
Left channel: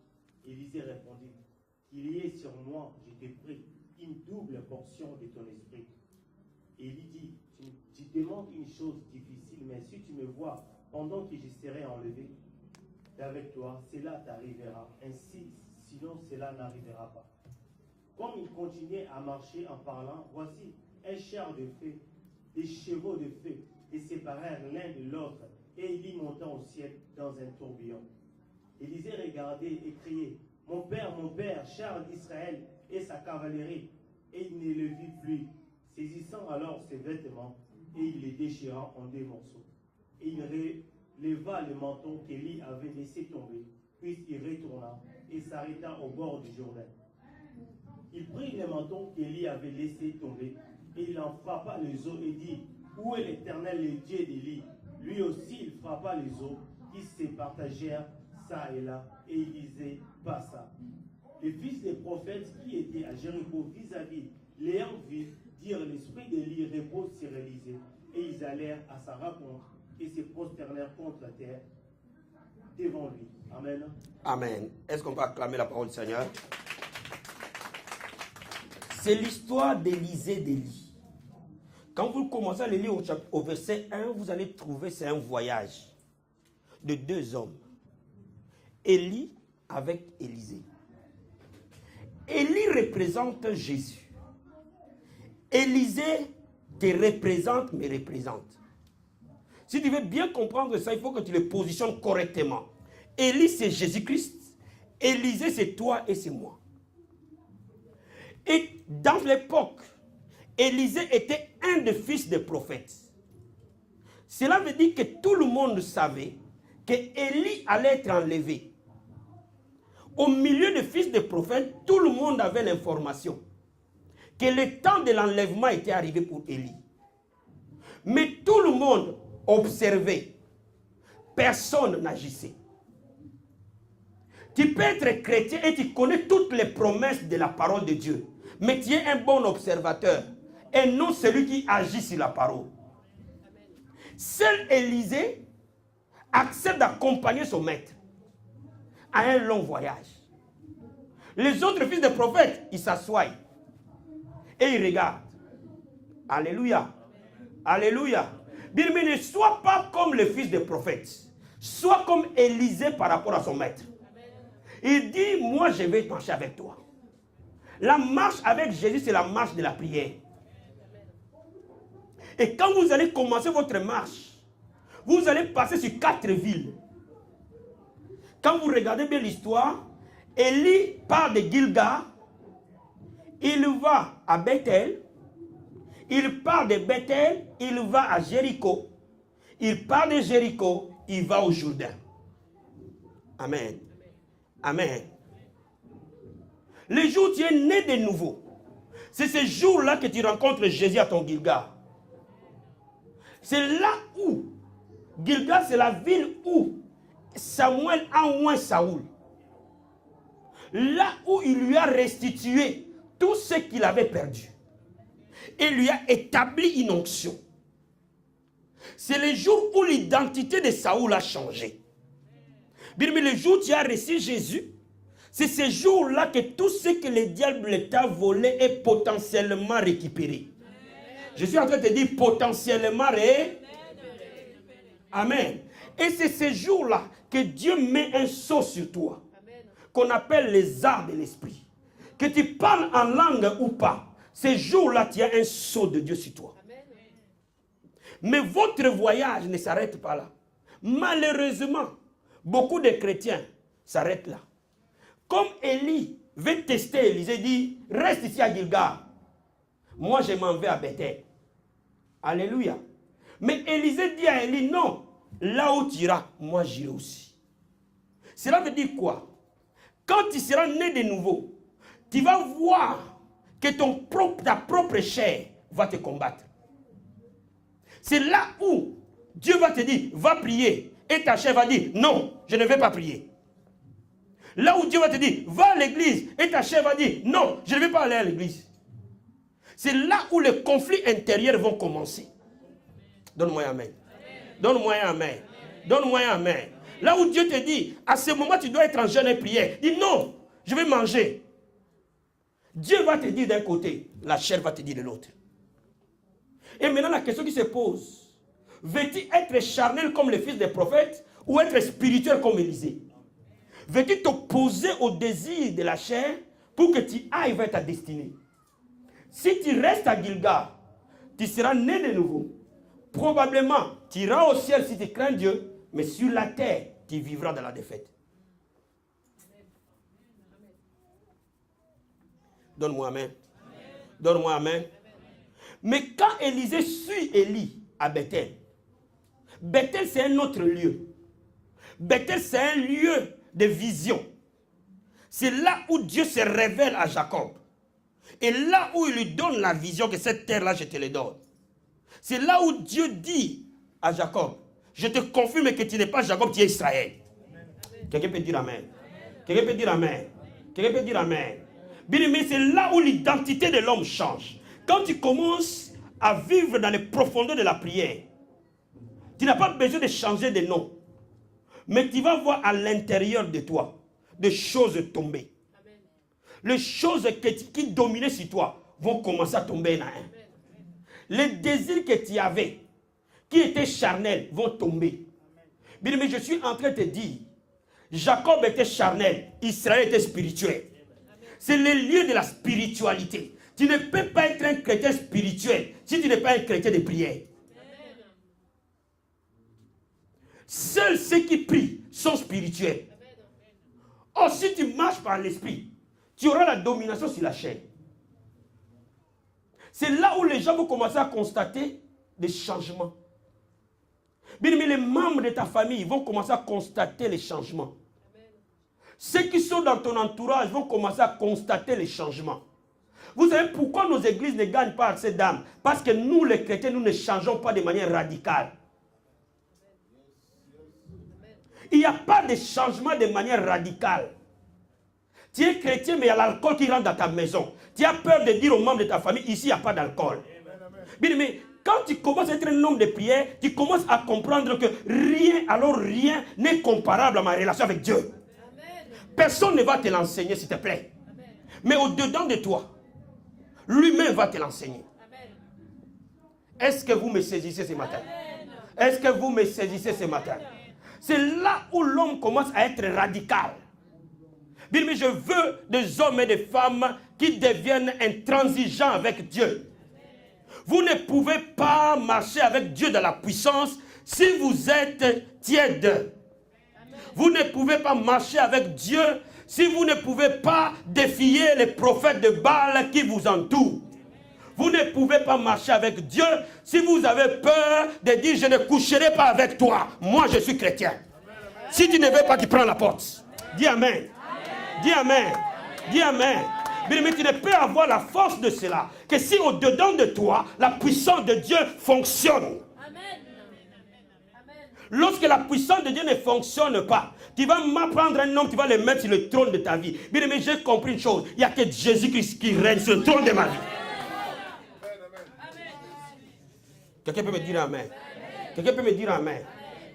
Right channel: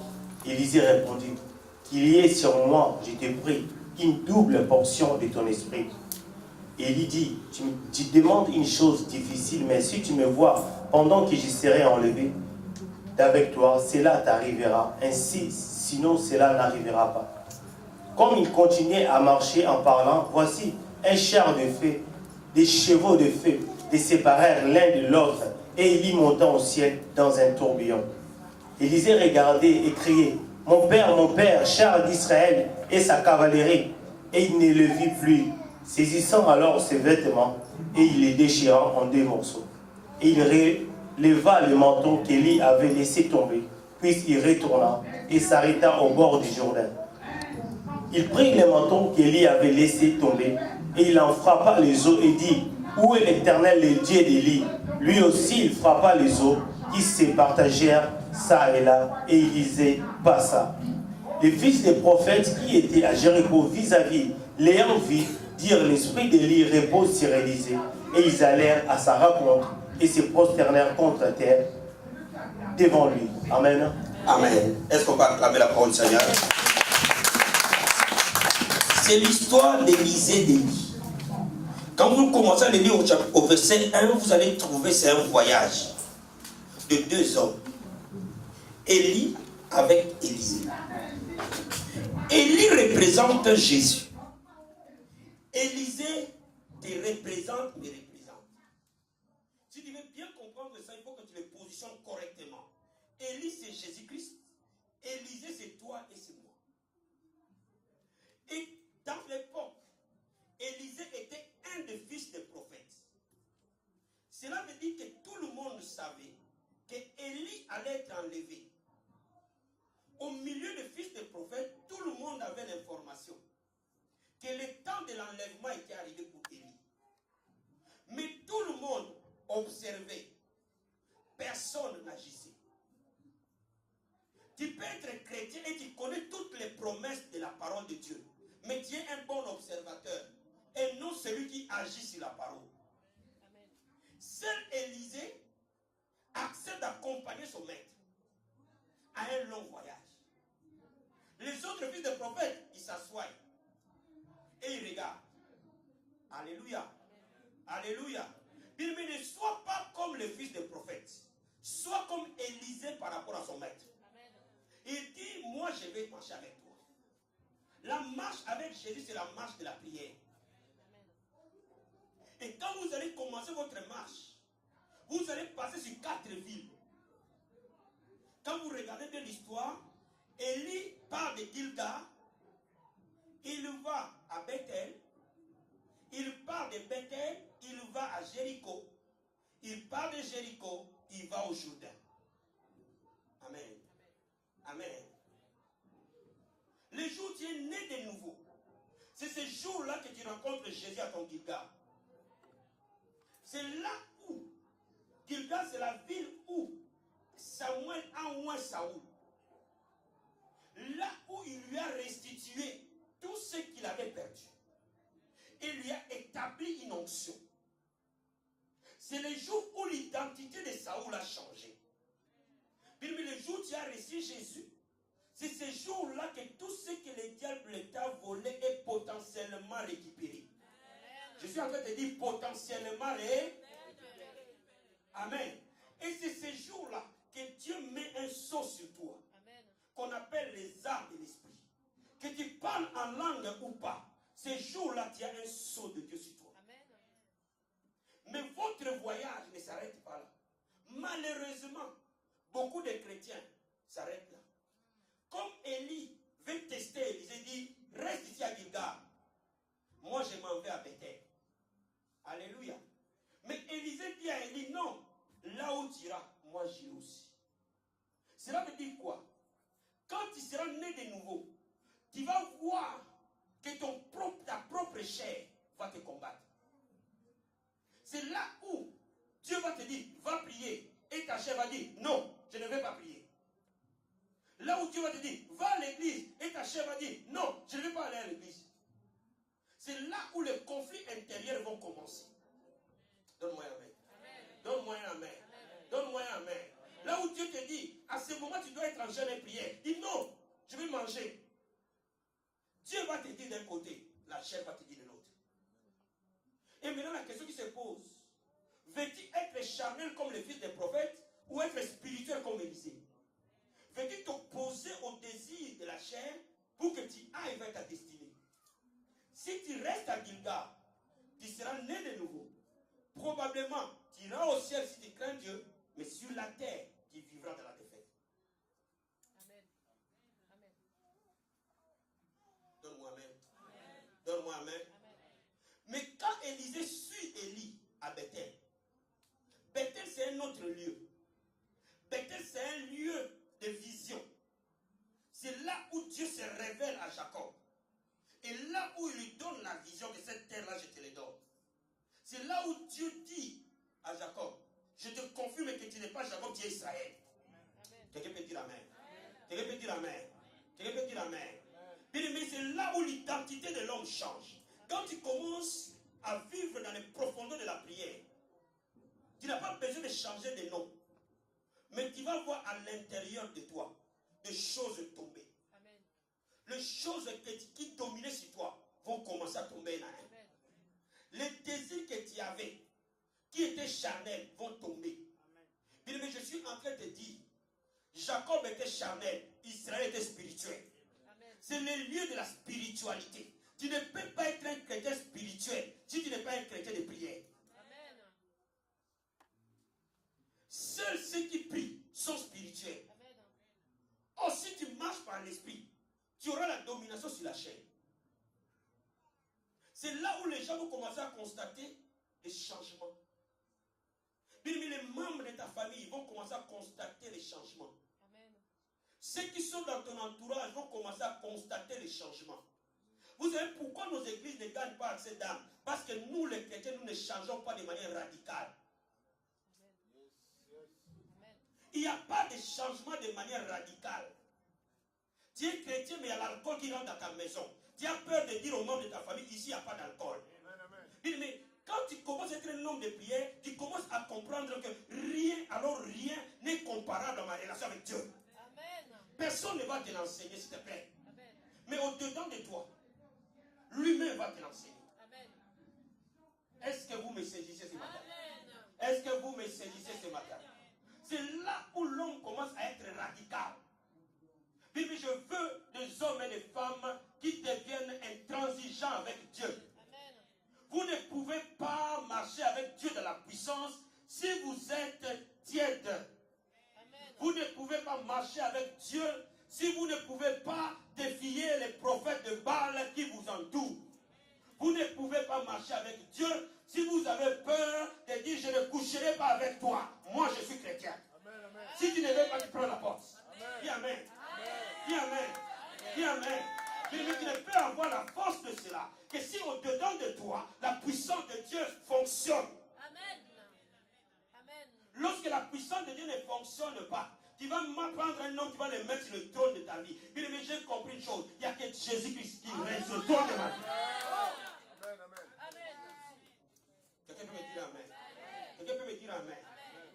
Élisée répondit, qu'il y ait sur moi, je te prie, une double portion de ton esprit. Élie dit, tu demandes une chose difficile, mais si tu me vois pendant que je serai enlevé d'avec toi, cela t'arrivera. Ainsi, sinon cela n'arrivera pas. Comme il continuait à marcher en parlant, voici un char de feu, des chevaux de feu, les séparèrent l'un de l'autre, et Élie monta au ciel dans un tourbillon. Élisée regardait et criait, mon père, char d'Israël et sa cavalerie, et il ne le vit plus. Saisissant alors ses vêtements, et il les déchira en 2 morceaux. Et il releva le manteau qu'Élie avait laissé tomber, puis il retourna et s'arrêta au bord du Jourdain. Il prit le manteau qu'Élie avait laissé tomber, et il en frappa les eaux et dit, où est l'Éternel, le Dieu d'Élie? Lui aussi il frappa les eaux, qui se partagèrent ça et là, et Élisée passa. Les fils des prophètes qui étaient à Jéricho vis-à-vis, l'ayant vu, dirent, l'esprit d'Élie repose sur Élisée. Et ils allèrent à sa rencontre et se prosternèrent contre terre devant lui. Amen. Amen. Est-ce qu'on peut acclamer la parole du Seigneur? C'est l'histoire d'Élisée d'Élie. Quand vous commencez à le lire au verset 1, vous allez trouver c'est un voyage de 2 hommes. Élie avec Élisée. Élie représente Jésus. Élisée te représente, me représente. Si tu veux bien comprendre ça, il faut que tu le positionnes correctement. Élie, c'est Jésus-Christ. Élisée, c'est toi et c'est moi. Et dans l'époque, Élisée était un des fils des prophètes. Cela veut dire que tout le monde savait que Élie allait être enlevé. Au milieu des fils des prophètes, tout le monde avait l'information que le temps de l'enlèvement était arrivé pour Élie. Mais tout le monde observait. Personne n'agissait. Tu peux être chrétien et tu connais toutes les promesses de la parole de Dieu. Mais tu es un bon observateur et non celui qui agit sur la parole. Seul Élisée accepte d'accompagner son maître à un long voyage. Les autres fils des prophètes, ils s'assoient et ils regardent. Alléluia. Alléluia. Bien, mais ne sois pas comme le fils des prophètes. Sois comme Élisée par rapport à son maître. Il dit, moi je vais marcher avec toi. La marche avec Jésus, c'est la marche de la prière. Et quand vous allez commencer votre marche, vous allez passer sur 4 villes. Quand vous regardez bien l'histoire, Élie part de Gilgal, il va à Bethel, il part de Bethel, il va à Jéricho, il part de Jéricho, il va au Jourdain. Amen. Amen. Le jour où tu es né de nouveau, c'est ce jour-là que tu rencontres Jésus à ton Gilgal. C'est là où, Gilgal, c'est la ville où Samuel a oint Saoul. Là où il lui a restitué tout ce qu'il avait perdu. Et lui a établi une onction. C'est le jour où l'identité de Saoul a changé. Bien, mais le jour où tu as reçu Jésus, c'est ce jour-là que tout ce que le diable t'a volé est potentiellement récupéré. Je suis en train de te dire potentiellement récupéré. Amen. Et c'est ce jour-là que Dieu met un sceau sur toi, qu'on appelle les arts de l'esprit. Que tu parles en langue ou pas, ce jour-là, tu as un sceau de Dieu sur toi. Mais votre voyage ne s'arrête pas là. Malheureusement, beaucoup de chrétiens s'arrêtent là. Comme Élie veut tester Élisée, dit, reste ici à Gilgal. Moi, je m'en vais à Bethel. Alléluia. Mais Élisée dit à Élie, non, là où tu iras, moi j'irai aussi. Cela veut dire quoi? Quand tu seras né de nouveau, tu vas voir que ta propre chair va te combattre. C'est là où Dieu va te dire, va prier. Et ta chair va dire, non, je ne vais pas prier. Là où Dieu va te dire, va à l'église. Et ta chair va dire, non, je ne vais pas aller à l'église. C'est là où les conflits intérieurs vont commencer. Donne-moi un amen. Donne-moi un amen. Donne-moi un amen. Là où Dieu te dit, à ce moment, tu dois être en jeûne et prière. Dis non, je vais manger. Dieu va te dire d'un côté, la chair va te dire de l'autre. Et maintenant, la question qui se pose, veux-tu être charnel comme le fils des prophètes ou être spirituel comme Élisée? Veux-tu t'opposer au désir de la chair pour que tu ailles vers ta destinée? Si tu restes à Gilgal, tu seras né de nouveau. Probablement, tu iras au ciel si tu crains Dieu, mais sur la terre, tu vivras dans la défaite. Donne-moi amen. Donne-moi amen. Mais quand Élisée suit Élie à Bethel, Bethel c'est un autre lieu. Bethel c'est un lieu de vision. C'est là où Dieu se révèle à Jacob. Et là où il lui donne la vision que cette terre-là, je te la donne. C'est là où Dieu dit à Jacob, je te confirme que tu n'es pas Jacob, tu es Israël. Quelqu'un peut dire amen. Quelqu'un peut dire amen. Quelqu'un peut dire amen. Bien aimé, c'est là où l'identité de l'homme change. Quand tu commences à vivre dans les profondeurs de la prière, tu n'as pas besoin de changer de nom. Mais tu vas voir à l'intérieur de toi des choses tomber. Amen. Les choses qui dominaient sur toi vont commencer à tomber un à un. Les désirs que tu avais, qui étaient charnels, vont tomber. Bien, mais je suis en train de te dire, Jacob était charnel, Israël était spirituel. C'est le lieu de la spiritualité. Tu ne peux pas être un chrétien spirituel si tu n'es pas un chrétien de prière. Seuls ceux qui prient sont spirituels. Or, si tu marches par l'esprit, tu auras la domination sur la chair. C'est là où les gens vont commencer à constater des changements. Bien, mais les membres de ta famille vont commencer à constater les changements. Ceux qui sont dans ton entourage vont commencer à constater les changements. Vous savez pourquoi nos églises ne gagnent pas accès d'âme? Parce que nous, les chrétiens, nous ne changeons pas de manière radicale. Il n'y a pas de changement de manière radicale. Tu es chrétien, mais il y a l'alcool qui rentre dans ta maison. Tu as peur de dire aux membres de ta famille, ici, il n'y a pas d'alcool. Bien, mais quand tu commences à être un homme de prière, tu commences à comprendre que rien n'est comparable à ma relation avec Dieu. Personne ne va te l'enseigner, s'il te plaît. Mais au-dedans de toi, lui-même va te l'enseigner. Est-ce que vous me saisissez ce matin? Est-ce que vous me saisissez ce matin? C'est là où l'homme commence à être radical. Bien, mais je veux des hommes et des femmes qui deviennent intransigeants avec Dieu. Vous ne pouvez pas marcher avec Dieu dans la puissance si vous êtes tiède. Vous ne pouvez pas marcher avec Dieu si vous ne pouvez pas défier les prophètes de Baal qui vous entourent. Vous ne pouvez pas marcher avec Dieu si vous avez peur de dire je ne coucherai pas avec toi. Moi je suis chrétien. Si tu ne veux pas, tu prends la porte. Dis amen. Dis amen. Dis amen. Mais tu ne peux avoir la force de cela que si au-dedans de toi, la puissance de Dieu fonctionne. Lorsque la puissance de Dieu ne fonctionne pas, tu vas prendre un homme, tu vas le mettre sur le trône de ta vie. Bien aimé, j'ai compris une chose. Il n'y a que Jésus-Christ qui règne sur le trône de ma vie. Quelqu'un peut me dire amen. Quelqu'un peut me dire amen.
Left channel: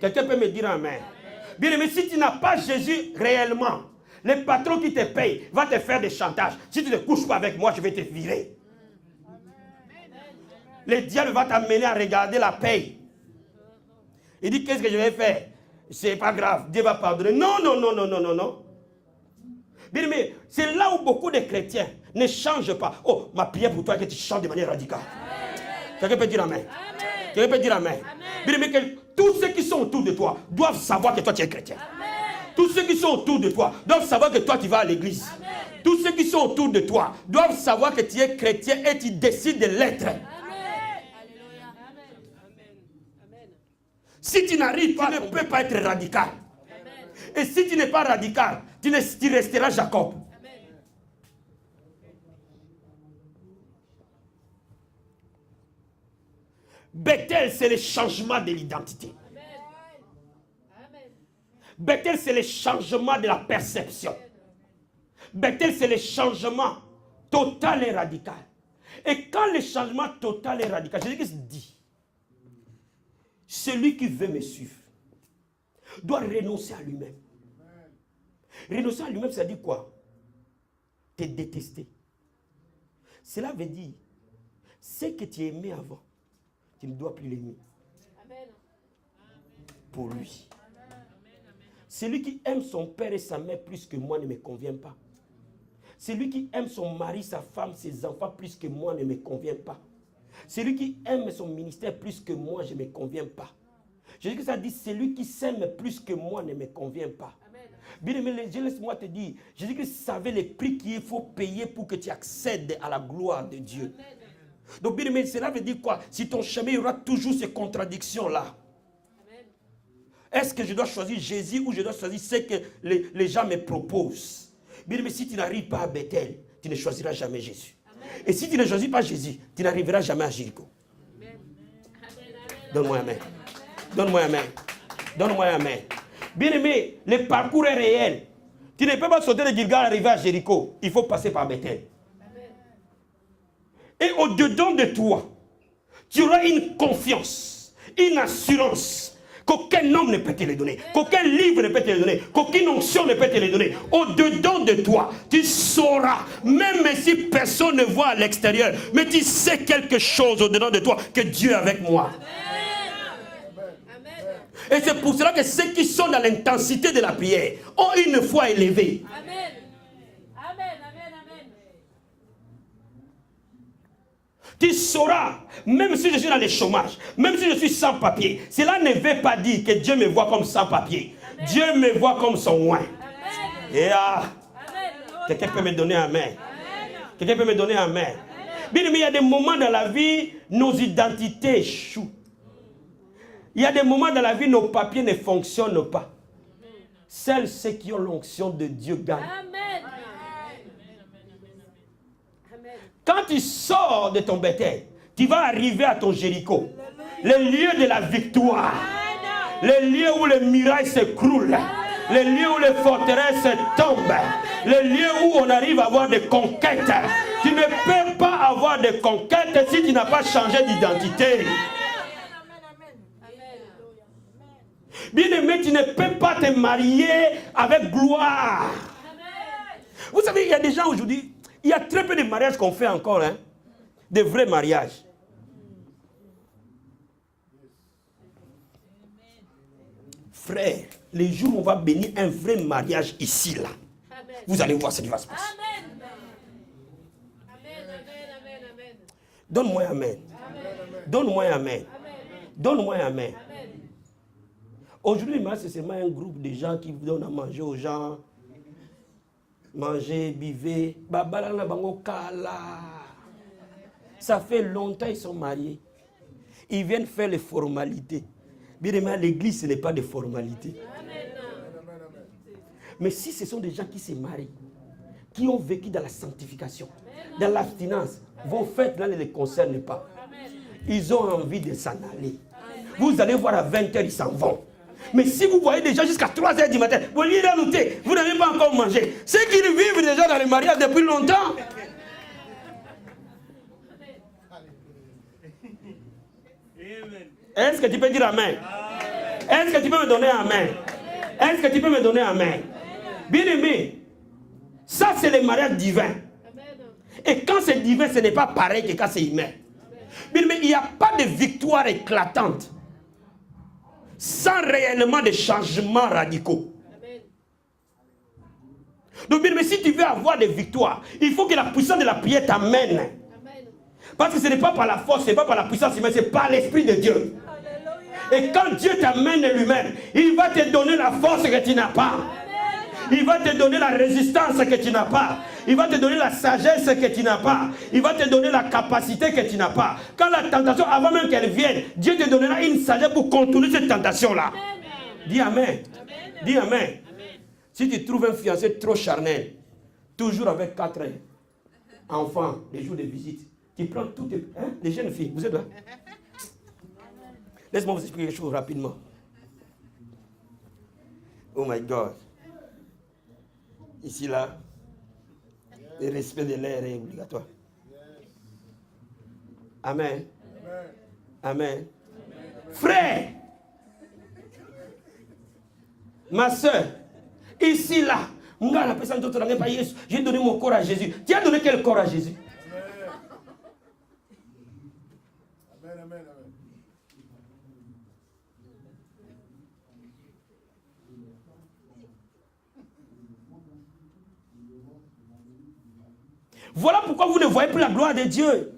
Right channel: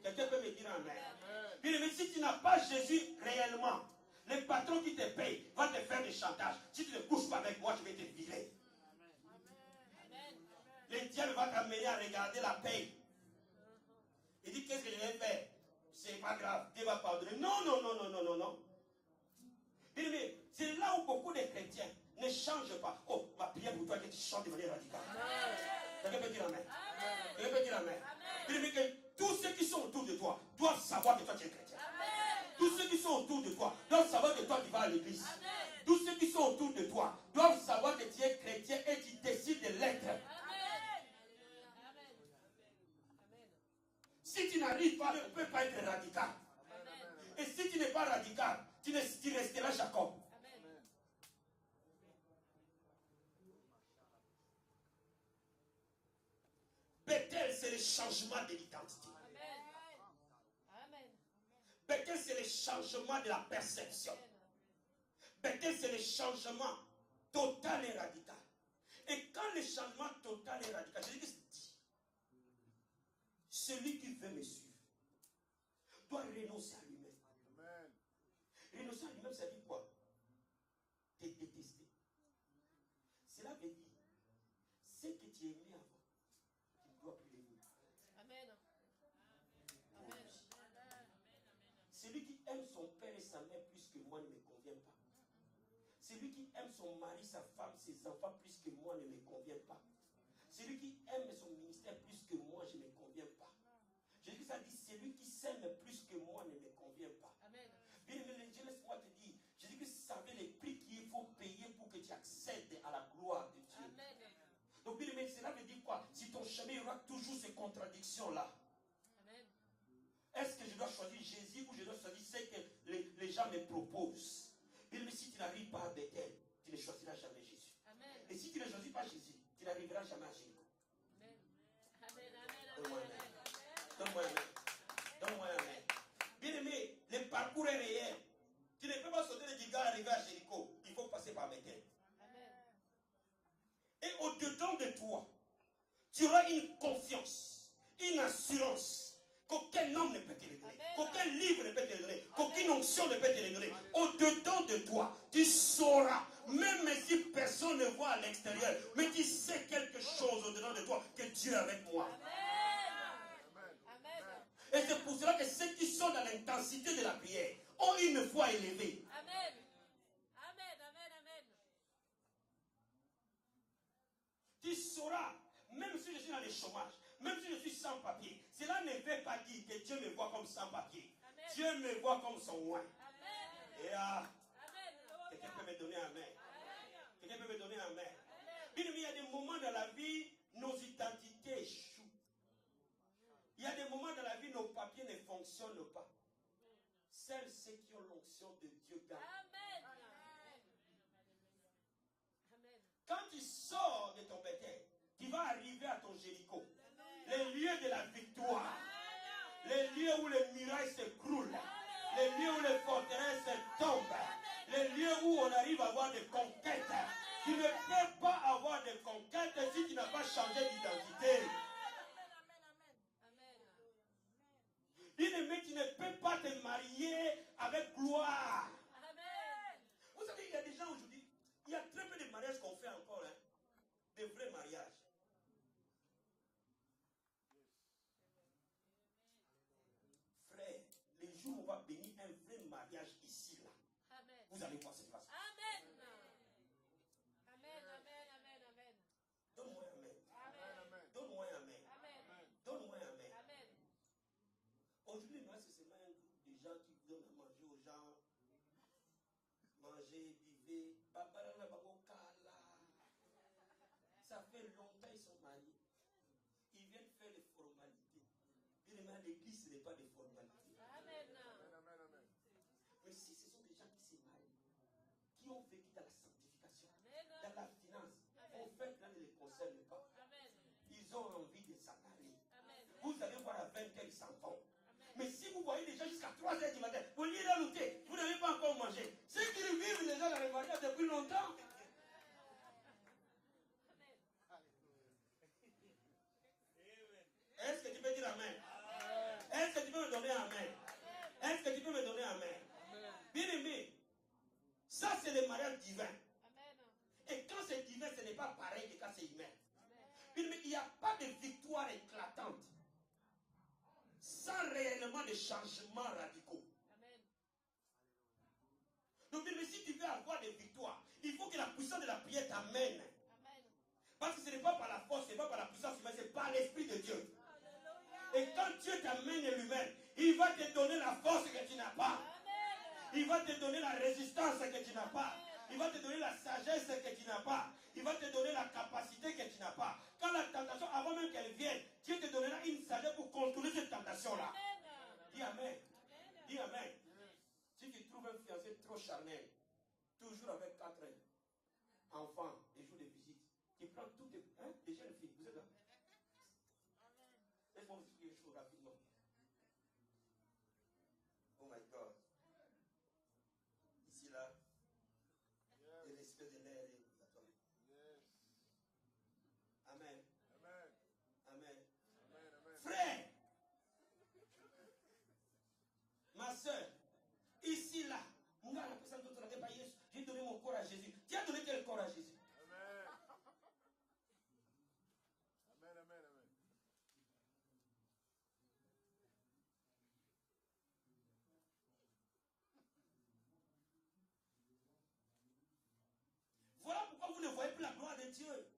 Quelqu'un peut me dire amen. Bien aimé, si tu n'as pas Jésus réellement, le patron qui te paye va te faire des chantages. Si tu ne couches pas avec moi, je vais te virer. Le diable va t'amener à regarder la paye. Il dit, qu'est-ce que je vais faire? C'est pas grave, Dieu va pardonner. Non, non, non, non, non, non, non. Bien aimé, c'est là où beaucoup de chrétiens ne changent pas. Oh, ma prière pour toi est que tu changes de manière radicale. Quelqu'un peut dire amen. Quelqu'un peut dire amen. Bien-aimé, tous ceux qui sont autour de toi doivent savoir que toi tu es chrétien. Tous ceux qui sont autour de toi doivent savoir que toi tu vas à l'église. Tous ceux qui sont autour de toi doivent savoir que tu es chrétien et tu décides de l'être. Si tu n'arrives pas, tu ne peux pas être radical. Et si tu n'es pas radical, tu resteras Jacob. Bethel, c'est le changement de l'identité. Bethel, c'est le changement de la perception. Bethel, c'est le changement total et radical. Et quand le changement total et radical, Jésus dit, celui qui veut me suivre doit renoncer à lui-même. Renoncer à lui-même, ça dit quoi? Te détester. Cela veut dire, ce que tu aimais avant, tu ne dois plus l'aimer. Pour lui. Celui qui aime son père et sa mère plus que moi ne me convient pas. Celui qui aime son mari, sa femme, ses enfants plus que moi ne me convient pas. Celui qui aime son ministère plus que moi, je ne me conviens pas. Jésus ça dit, celui qui s'aime plus que moi ne me convient pas. Bien aimé, laisse-moi te dire, Jésus-Christ savait les prix qu'il faut payer pour que tu accèdes à la gloire de Dieu. Donc bien aimé, cela veut dire quoi? Si ton chemin, il y aura toujours ces contradictions-là. Est-ce que je dois choisir Jésus ou je dois choisir ce que les gens me proposent? Bien aimé, si tu n'arrives pas à Bethel, tu ne choisiras jamais Jésus. Amen. Et si tu ne choisis pas Jésus, tu n'arriveras jamais à Jéricho. Donne-moi un amen. Donne-moi un amen. Donne-moi un amen. Bien aimé, le parcours est réel. Tu ne peux pas sauter de Gilgal et arriver à Jéricho. Il faut passer par Bethel. Et au-dedans de toi, tu auras une confiance, une assurance qu'aucun homme ne peut te les donner, qu'aucun livre ne peut te les donner, qu'aucune onction ne peut te les donner. Au-dedans de toi, tu sauras, même si personne ne voit à l'extérieur, mais tu sais quelque chose au-dedans de toi, que Dieu est avec moi. Et c'est pour cela que ceux qui sont dans l'intensité de la prière ont une foi élevée. Amen. Amen, amen, amen. Tu sauras, même si je suis dans le chômage, même si je suis sans papier, cela ne veut pas dire que Dieu me voit comme sans papier. Amen. Dieu me voit comme son oint. Et quelqu'un peut me donner un amen. Quelqu'un peut me donner un amen. Bien aimé, il y a des moments dans la vie, nos identités échouent. Il y a des moments dans la vie, nos papiers ne fonctionnent pas. Seuls ceux qui ont l'onction de Dieu gagnent. Amen. Quand tu sors de ton Bethel, tu vas arriver à ton Jéricho. Le lieu de la victoire. Le lieu où les murailles s'écroulent. Le lieu où les forteresses tombent. Le lieu où on arrive à avoir des conquêtes. Tu ne peux pas avoir de conquêtes si tu n'as pas changé d'identité. Bien-aimé, tu ne peux pas te marier avec gloire. Vous savez, il y a des gens aujourd'hui, il y a très peu de mariages qu'on fait encore, hein, de vrais mariages. Frère, les jours où on va bénir un vrai mariage ici, là, vous allez voir ce qui va se passer. Donne-moi un amen. Donne-moi un amen. Donne-moi un amen. Aujourd'hui, c'est seulement un groupe de gens qui donnent à manger aux gens. Manger, buvez. Ça fait longtemps qu'ils sont mariés. Ils viennent faire les formalités. Bien aimé, l'église, ce n'est pas des formalités. Mais si ce sont des gens qui se marient, qui ont vécu dans la sanctification, dans l'abstinence, vos fêtes là ne les concernent pas. Ils ont envie de s'en aller. Vous allez voir à 20h, ils s'en vont. Mais si vous voyez des gens jusqu'à 3h du matin, vous l'irez noter, vous n'avez pas encore mangé. Ceux qui vivent déjà dans le mariage depuis longtemps. Est-ce que tu peux dire amen? Est-ce que tu peux me donner un amen? Est-ce que tu peux me donner un amen? Bien aimé, ça c'est le mariage divin. Et quand c'est divin, ce n'est pas pareil que quand c'est humain. Bien aimé, il n'y a pas de victoire éclatante sans réellement de changements radicaux. Donc, bien aimé, si tu veux avoir des victoires, il faut que la puissance de la prière t'amène. Parce que ce n'est pas par la force, ce n'est pas par la puissance, mais c'est par l'Esprit de Dieu. Et quand Dieu t'amène lui-même, il va te donner la force que tu n'as pas. Il va te donner la résistance que tu n'as pas. Il va te donner la sagesse que tu n'as pas. Il va te donner la capacité que tu n'as pas. Quand la tentation, avant même qu'elle vienne, Dieu te donnera une sagesse pour contourner cette tentation-là. Dis Amen. Dis Amen. Si tu trouves un fiancé trop charnel, toujours avec 4 enfants, les jours de visite, tu prends toutes les jeunes filles, vous êtes là? Laisse-moi vous expliquer quelque chose rapidement. Oh my God. Ici, là, le respect de l'air est obligatoire. Amen. Amen. Frère, ma soeur, ici, là, j'ai donné mon corps à Jésus. Tu as donné quel corps à Jésus? Voilà pourquoi vous ne voyez plus la gloire de Dieu.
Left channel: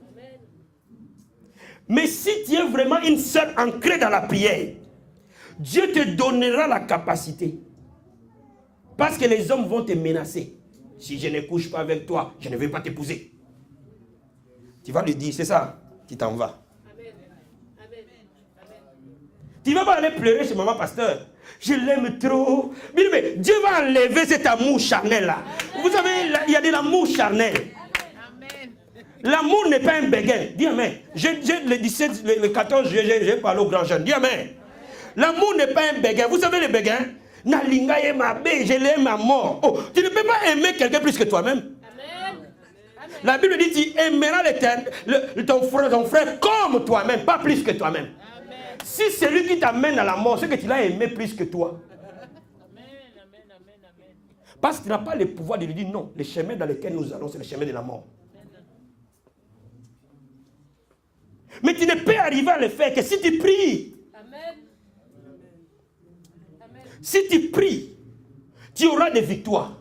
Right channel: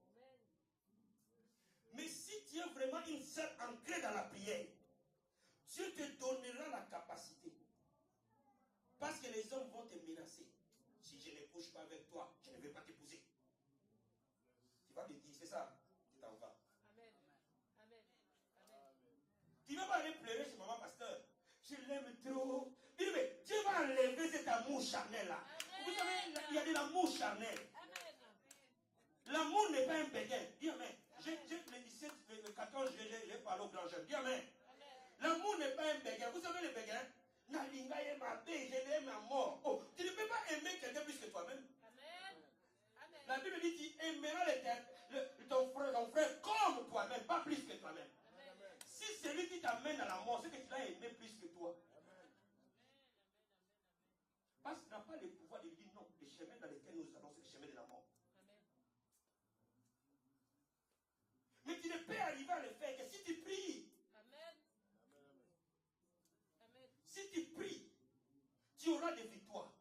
Mais si tu es vraiment une sœur ancrée dans la prière, Dieu te donnera la capacité. Parce que les hommes vont te menacer. Si je ne couche pas avec toi, je ne vais pas t'épouser. Tu vas lui dire, c'est ça, tu t'en vas. Tu ne vas pas aller pleurer chez maman pasteur. Je l'aime trop. Mais Dieu va enlever cet amour charnel là. Vous savez, il y a de l'amour charnel. L'amour n'est pas un béguin. Dis amen. Le 17, le 14 juillet, j'ai parlé aux grands jeunes. Dis amen. L'amour n'est pas un béguin. Vous savez le béguin? Je l'aime à mort. Oh, tu ne peux pas aimer quelqu'un plus que toi-même. La Bible dit tu aimeras ton frère comme toi-même, pas plus que toi-même. Si c'est lui qui t'amène à la mort, c'est que tu l'as aimé plus que toi. Parce que tu n'as pas le pouvoir de lui dire non. Le chemin dans lequel nous allons, c'est le chemin de la mort. Mais tu ne peux arriver à le faire que si tu pries. Si tu pries, tu auras des victoires.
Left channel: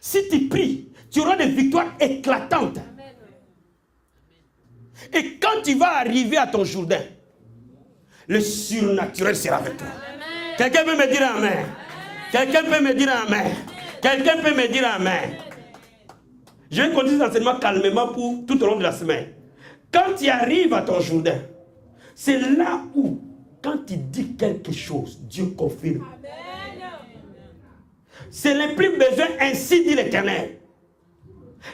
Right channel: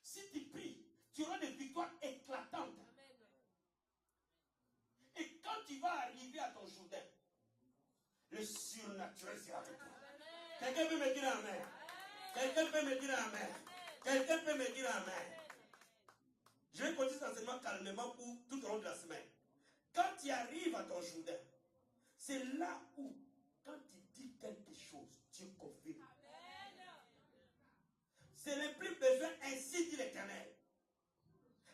Si tu pries, tu auras des victoires éclatantes. Et quand tu vas arriver à ton Jourdain, le surnaturel sera avec toi. Quelqu'un peut me dire amen? Quelqu'un peut me dire amen? Quelqu'un peut me dire amen? Je vais continuer cet enseignement calmement pour tout au long de la semaine. Quand tu arrives à ton Jourdain, c'est là où, quand tu dis quelque chose, Dieu confirme. C'est le plus besoin, ainsi dit l'Éternel.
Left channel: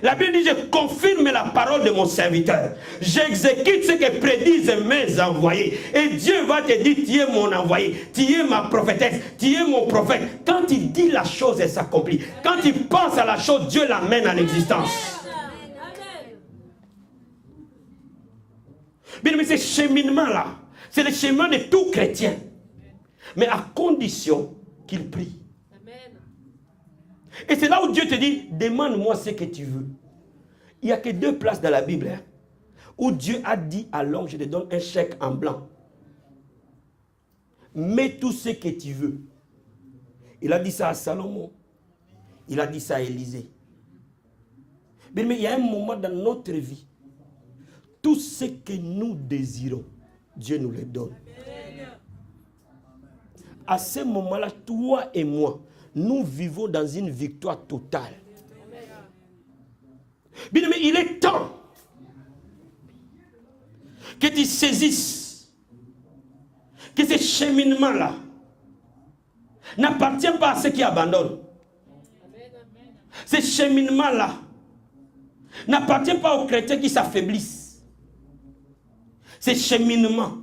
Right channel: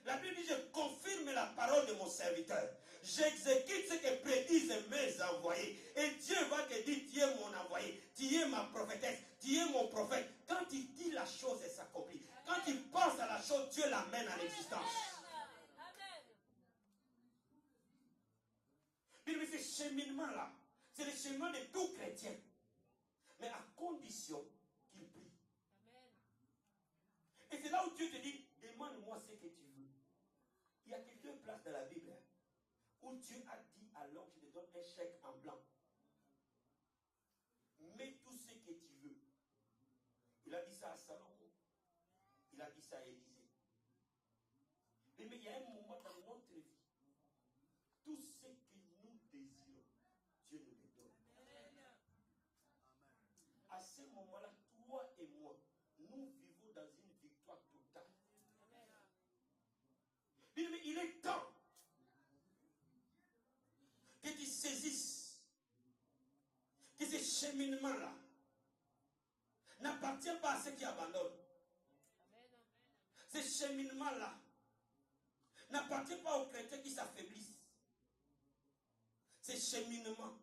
La Bible dit, je confirme la parole de mon serviteur. J'exécute ce que prédisent mes envoyés. Et Dieu va te dire, tu es mon envoyé, tu es ma prophétesse, tu es mon prophète. Quand il dit la chose, elle s'accomplit. Quand il pense à la chose, Dieu l'amène à l'existence. Bien, mais ce cheminement-là, c'est le chemin de tout chrétien. Mais à condition qu'il prie. Et c'est là où Dieu te dit, demande-moi ce que tu veux. Il n'y a que 2 places dans la Bible où Dieu a dit à l'homme, je te donne un chèque en blanc. Mets tout ce que tu veux. Il a dit ça à Salomon. Il a dit ça à Élisée. Mais il y a un moment dans notre vie, tout ce que nous désirons, Dieu nous le donne. À ce moment-là, toi et moi, nous vivons dans une victoire totale. Bien, mais il est temps que tu saisisses que ce cheminement-là n'appartient pas à ceux qui abandonnent. Ce cheminement-là n'appartient pas aux chrétiens qui s'affaiblissent. Ce cheminement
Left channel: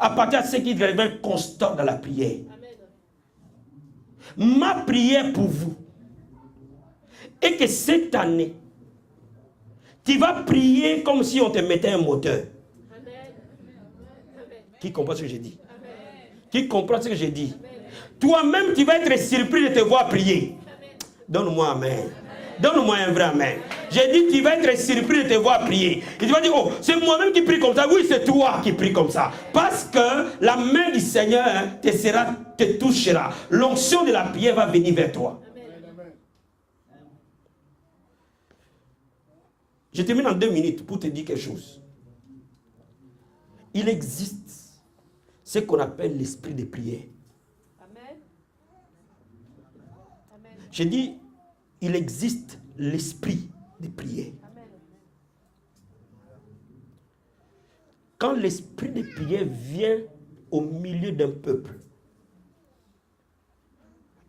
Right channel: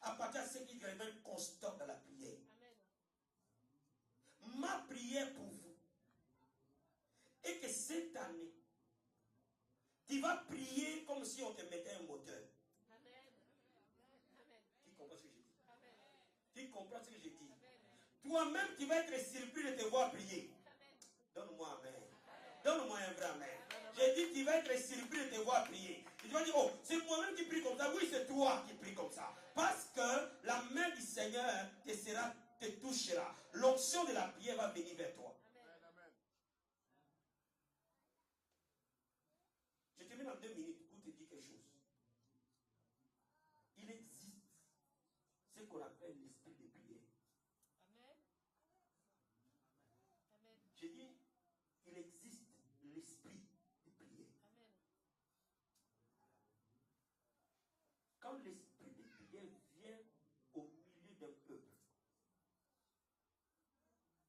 appartient à ceux qui deviennent constants dans la prière. Ma prière pour vous est que cette année, tu vas prier comme si on te mettait un moteur. Qui comprend ce que j'ai dit? Qui comprend ce que j'ai dit? Toi-même, tu vas être surpris de te voir prier. Donne-moi amen. Donne-moi un vrai amen. J'ai dit, tu vas être surpris de te voir prier. Et tu vas dire, oh, c'est moi-même qui prie comme ça. Oui, c'est toi qui prie comme ça. Parce que la main du Seigneur te touchera. L'onction de la prière va venir vers toi. Je termine en 2 minutes pour te dire quelque chose. Il existe ce qu'on appelle l'esprit de prière. Amen. Amen. Je dis, il existe l'esprit de prière. Amen. Quand l'esprit de prière vient au milieu d'un peuple,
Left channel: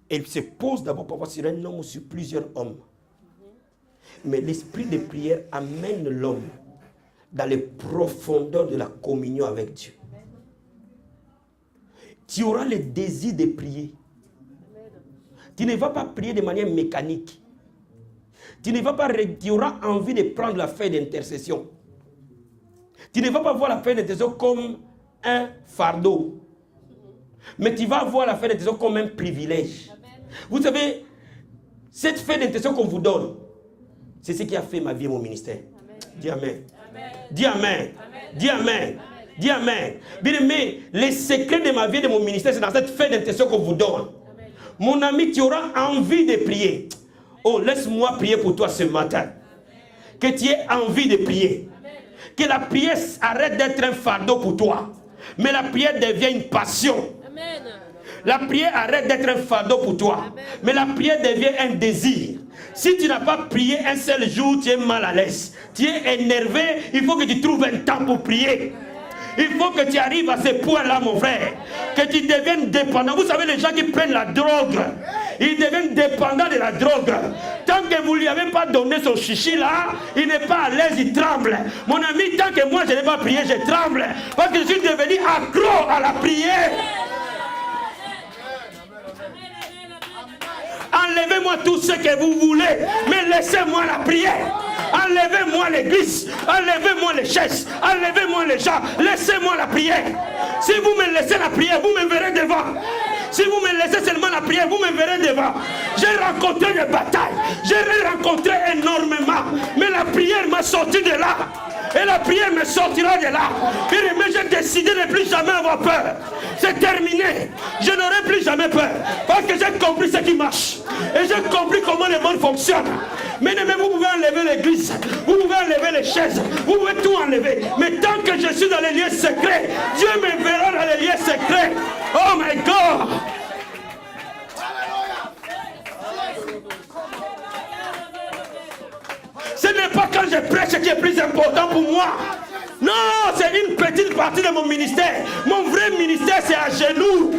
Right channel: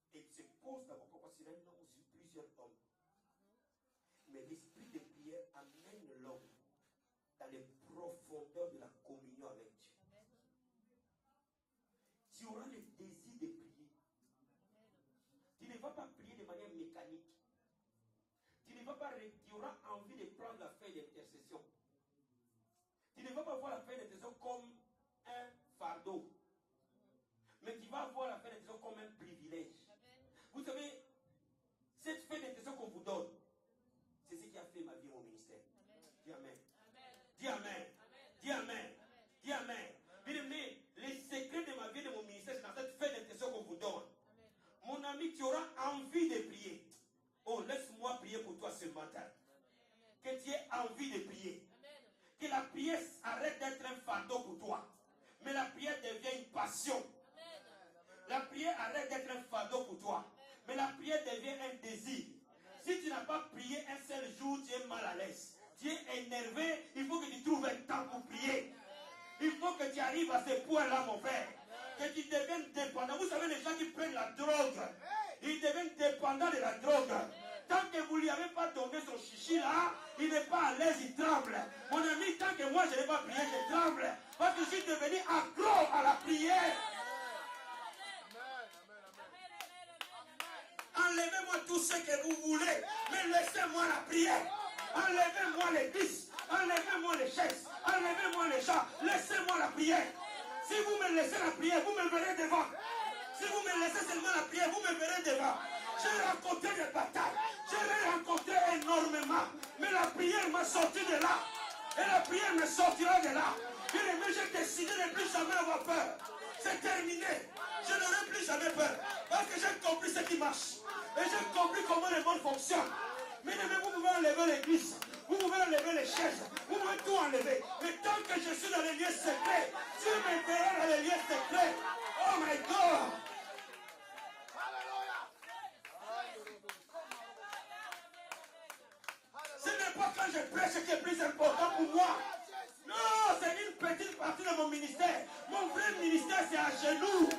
il se pose d'abord parfois sur un homme ou sur plusieurs hommes. Mais l'esprit de prière amène l'homme dans les profondeurs de la communion avec Dieu. Tu auras le désir de prier. Tu ne vas pas prier de manière mécanique. Tu auras envie de prendre la feuille d'intercession. Tu ne vas pas voir la feuille d'intercession comme un fardeau. Mais tu vas voir la feuille d'intercession comme un privilège. Vous savez, cette feuille d'intercession qu'on vous donne, c'est ce qui a fait ma vie et mon ministère. Dis Amen. Dis Amen. Dis Amen. Dis Amen. Bien aimé, les secrets de ma vie et de mon ministère, c'est dans cette feuille d'intercession qu'on vous donne. Mon ami, tu auras envie de prier. Oh, laisse-moi prier pour toi ce matin. Que tu aies envie de prier. Que la prière arrête d'être un fardeau pour toi. Mais la prière devient une passion. La prière arrête d'être un fardeau pour toi. Mais la prière devient un désir. Si tu n'as pas prié un seul jour, tu es mal à l'aise. Tu es énervé, il faut que tu trouves un temps pour prier. Il faut que tu arrives à ce point-là, mon frère. Que tu deviennes dépendant. Vous savez, les gens qui prennent la drogue, ils deviennent dépendants de la drogue. Tant que vous ne lui avez pas donné son chichi là, il n'est pas à l'aise, il tremble. Mon ami, tant que moi je n'ai pas prié, je tremble. Parce que je suis devenu accro à la prière. Enlevez-moi tout ce que vous voulez, mais laissez-moi la prière. Enlevez-moi l'église, enlevez-moi les chaises, enlevez-moi les gens, laissez-moi la prière. Si vous me laissez la prière, vous me verrez devant. Si vous me laissez seulement la prière, vous me verrez devant. J'ai rencontré des batailles, j'ai rencontré énormément, mais la prière m'a sorti de là. Et la prière me sortira de là. Mais j'ai décidé de ne plus jamais avoir peur. C'est terminé. Je n'aurai plus jamais peur. Parce que j'ai compris ce qui marche. Et j'ai compris comment le monde fonctionne. Mais vous pouvez enlever l'église. Vous pouvez enlever les chaises. Vous pouvez tout enlever. Mais tant que je suis dans les lieux secrets, Dieu me verra dans les lieux secrets. Oh my God. Ce n'est pas quand je prêche qui est plus important pour moi. Non, c'est une petite partie de mon ministère. Mon vrai ministère, c'est à genoux.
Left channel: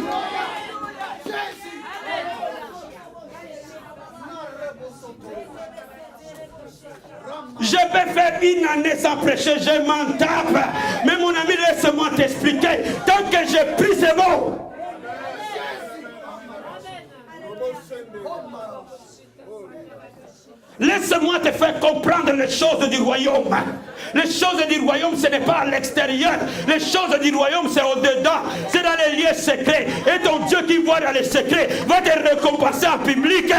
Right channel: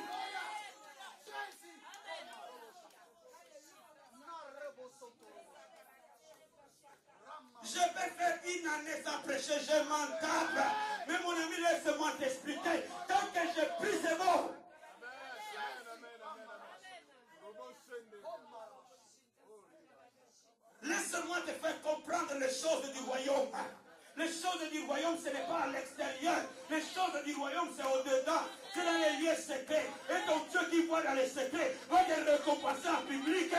Je peux faire une année sans prêcher, je m'en tape. Mais mon ami, laisse-moi t'expliquer. Tant que je prie, c'est bon. Laisse-moi te faire comprendre les choses du royaume. Les choses du royaume, ce n'est pas à l'extérieur. Les choses du royaume, c'est au-dedans. C'est dans les lieux secrets. Et ton Dieu qui voit dans les secrets va te récompenser en public.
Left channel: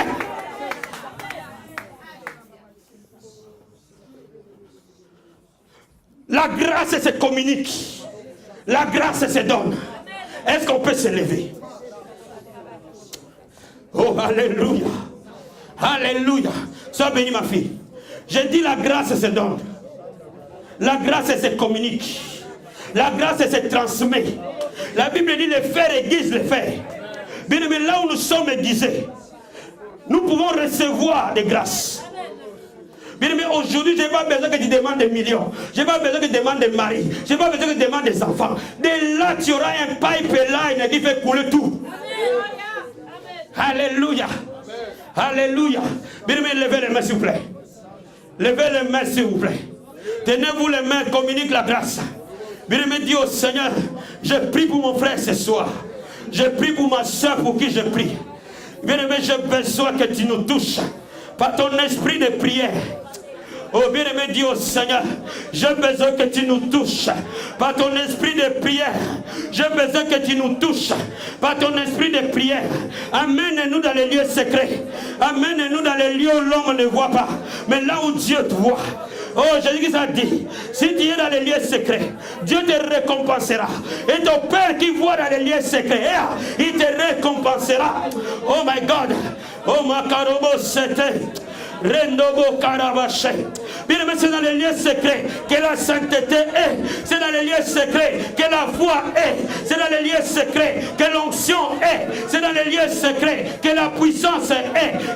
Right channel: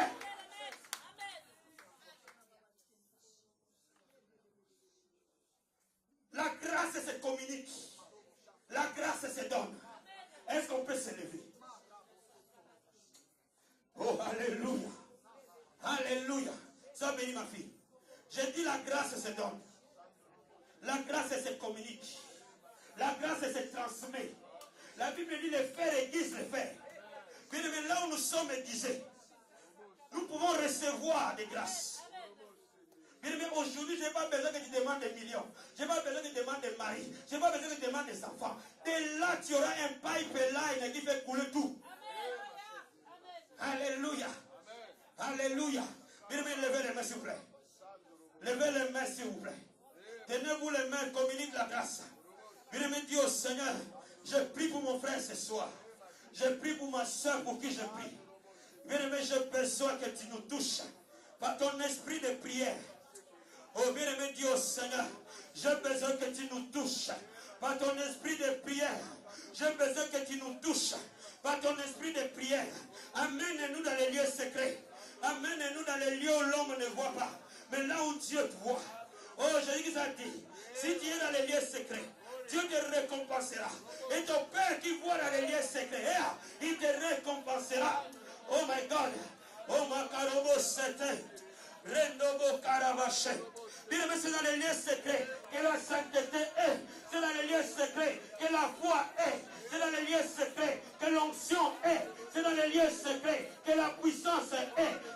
La grâce se communique. La grâce se donne. Est-ce qu'on peut se lever? Oh, alléluia. Alléluia. Sois béni, ma fille. J'ai dit la grâce se donne. La grâce se communique. La grâce se transmet. La Bible dit le fer aiguise le fer. Bien aimé, là où nous sommes aiguisés, nous pouvons recevoir des grâces. Bien aimé, aujourd'hui, je n'ai pas besoin que tu demandes des millions. Je n'ai pas besoin que tu demandes des maris. Je n'ai pas besoin que tu demandes des enfants. Dès là, tu auras un pipeline qui fait couler tout. Alléluia. Alléluia. Bien aimé, levez les mains, s'il vous plaît. Levez les mains, s'il vous plaît. Tenez-vous les mains, communique la grâce. Bien aimé, dis au Seigneur, je prie pour mon frère ce soir. Je prie pour ma soeur pour qui je prie. Bien aimé, j'ai besoin que tu nous touches par ton esprit de prière. Oh bien-aimé, dis au Seigneur, j'ai besoin que tu nous touches par ton esprit de prière. J'ai besoin que tu nous touches par ton esprit de prière. Amène-nous dans les lieux secrets. Amène-nous dans les lieux où l'homme ne voit pas, mais là où Dieu te voit. Oh, Jésus a dit, si tu es dans les lieux secrets, Dieu te récompensera. Et ton Père qui voit dans les lieux secrets, il te récompensera. Oh my God. Oh ma carobo c'était. Rendobo Karabache. Bien aimé, c'est dans les lieux secrets que la sainteté est. C'est dans les lieux secrets que la foi est. C'est dans les lieux secrets que l'onction est. C'est dans les lieux secrets que la puissance est.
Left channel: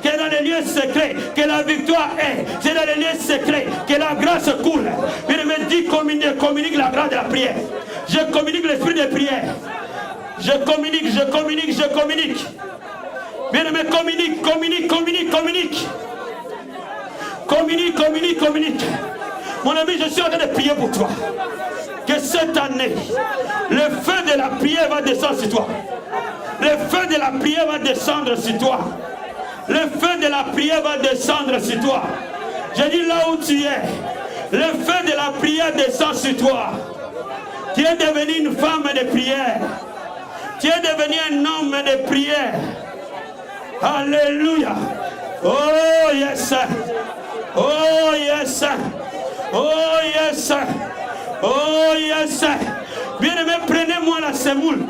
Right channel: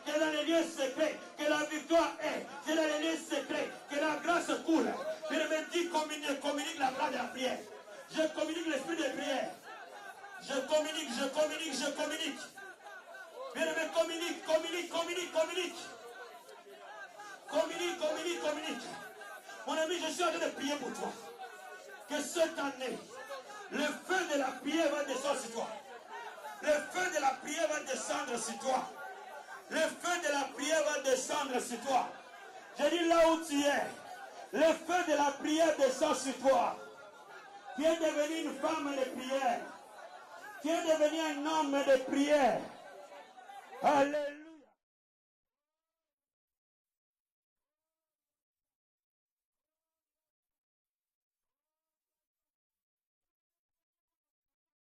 C'est dans les lieux secrets que la victoire est. C'est dans les lieux secrets que la grâce coule. Bien aimé, dis communique la grâce de la prière. Je communique l'esprit de prière. Je communique. Bien aimé, communique. Communique. Mon ami, je suis en train de prier pour toi. Que cette année, le feu de la prière va descendre sur toi. Le feu de la prière va descendre sur toi. Le feu de la prière va descendre sur toi. Je dis là où tu es, le feu de la prière descend sur toi. Tu es devenu une femme de prière. Tu es devenu un homme de prière. Alléluia. Oh yes. Oh yes. Oh yes. Oh yes. Bien aimé, prenez-moi la semoule.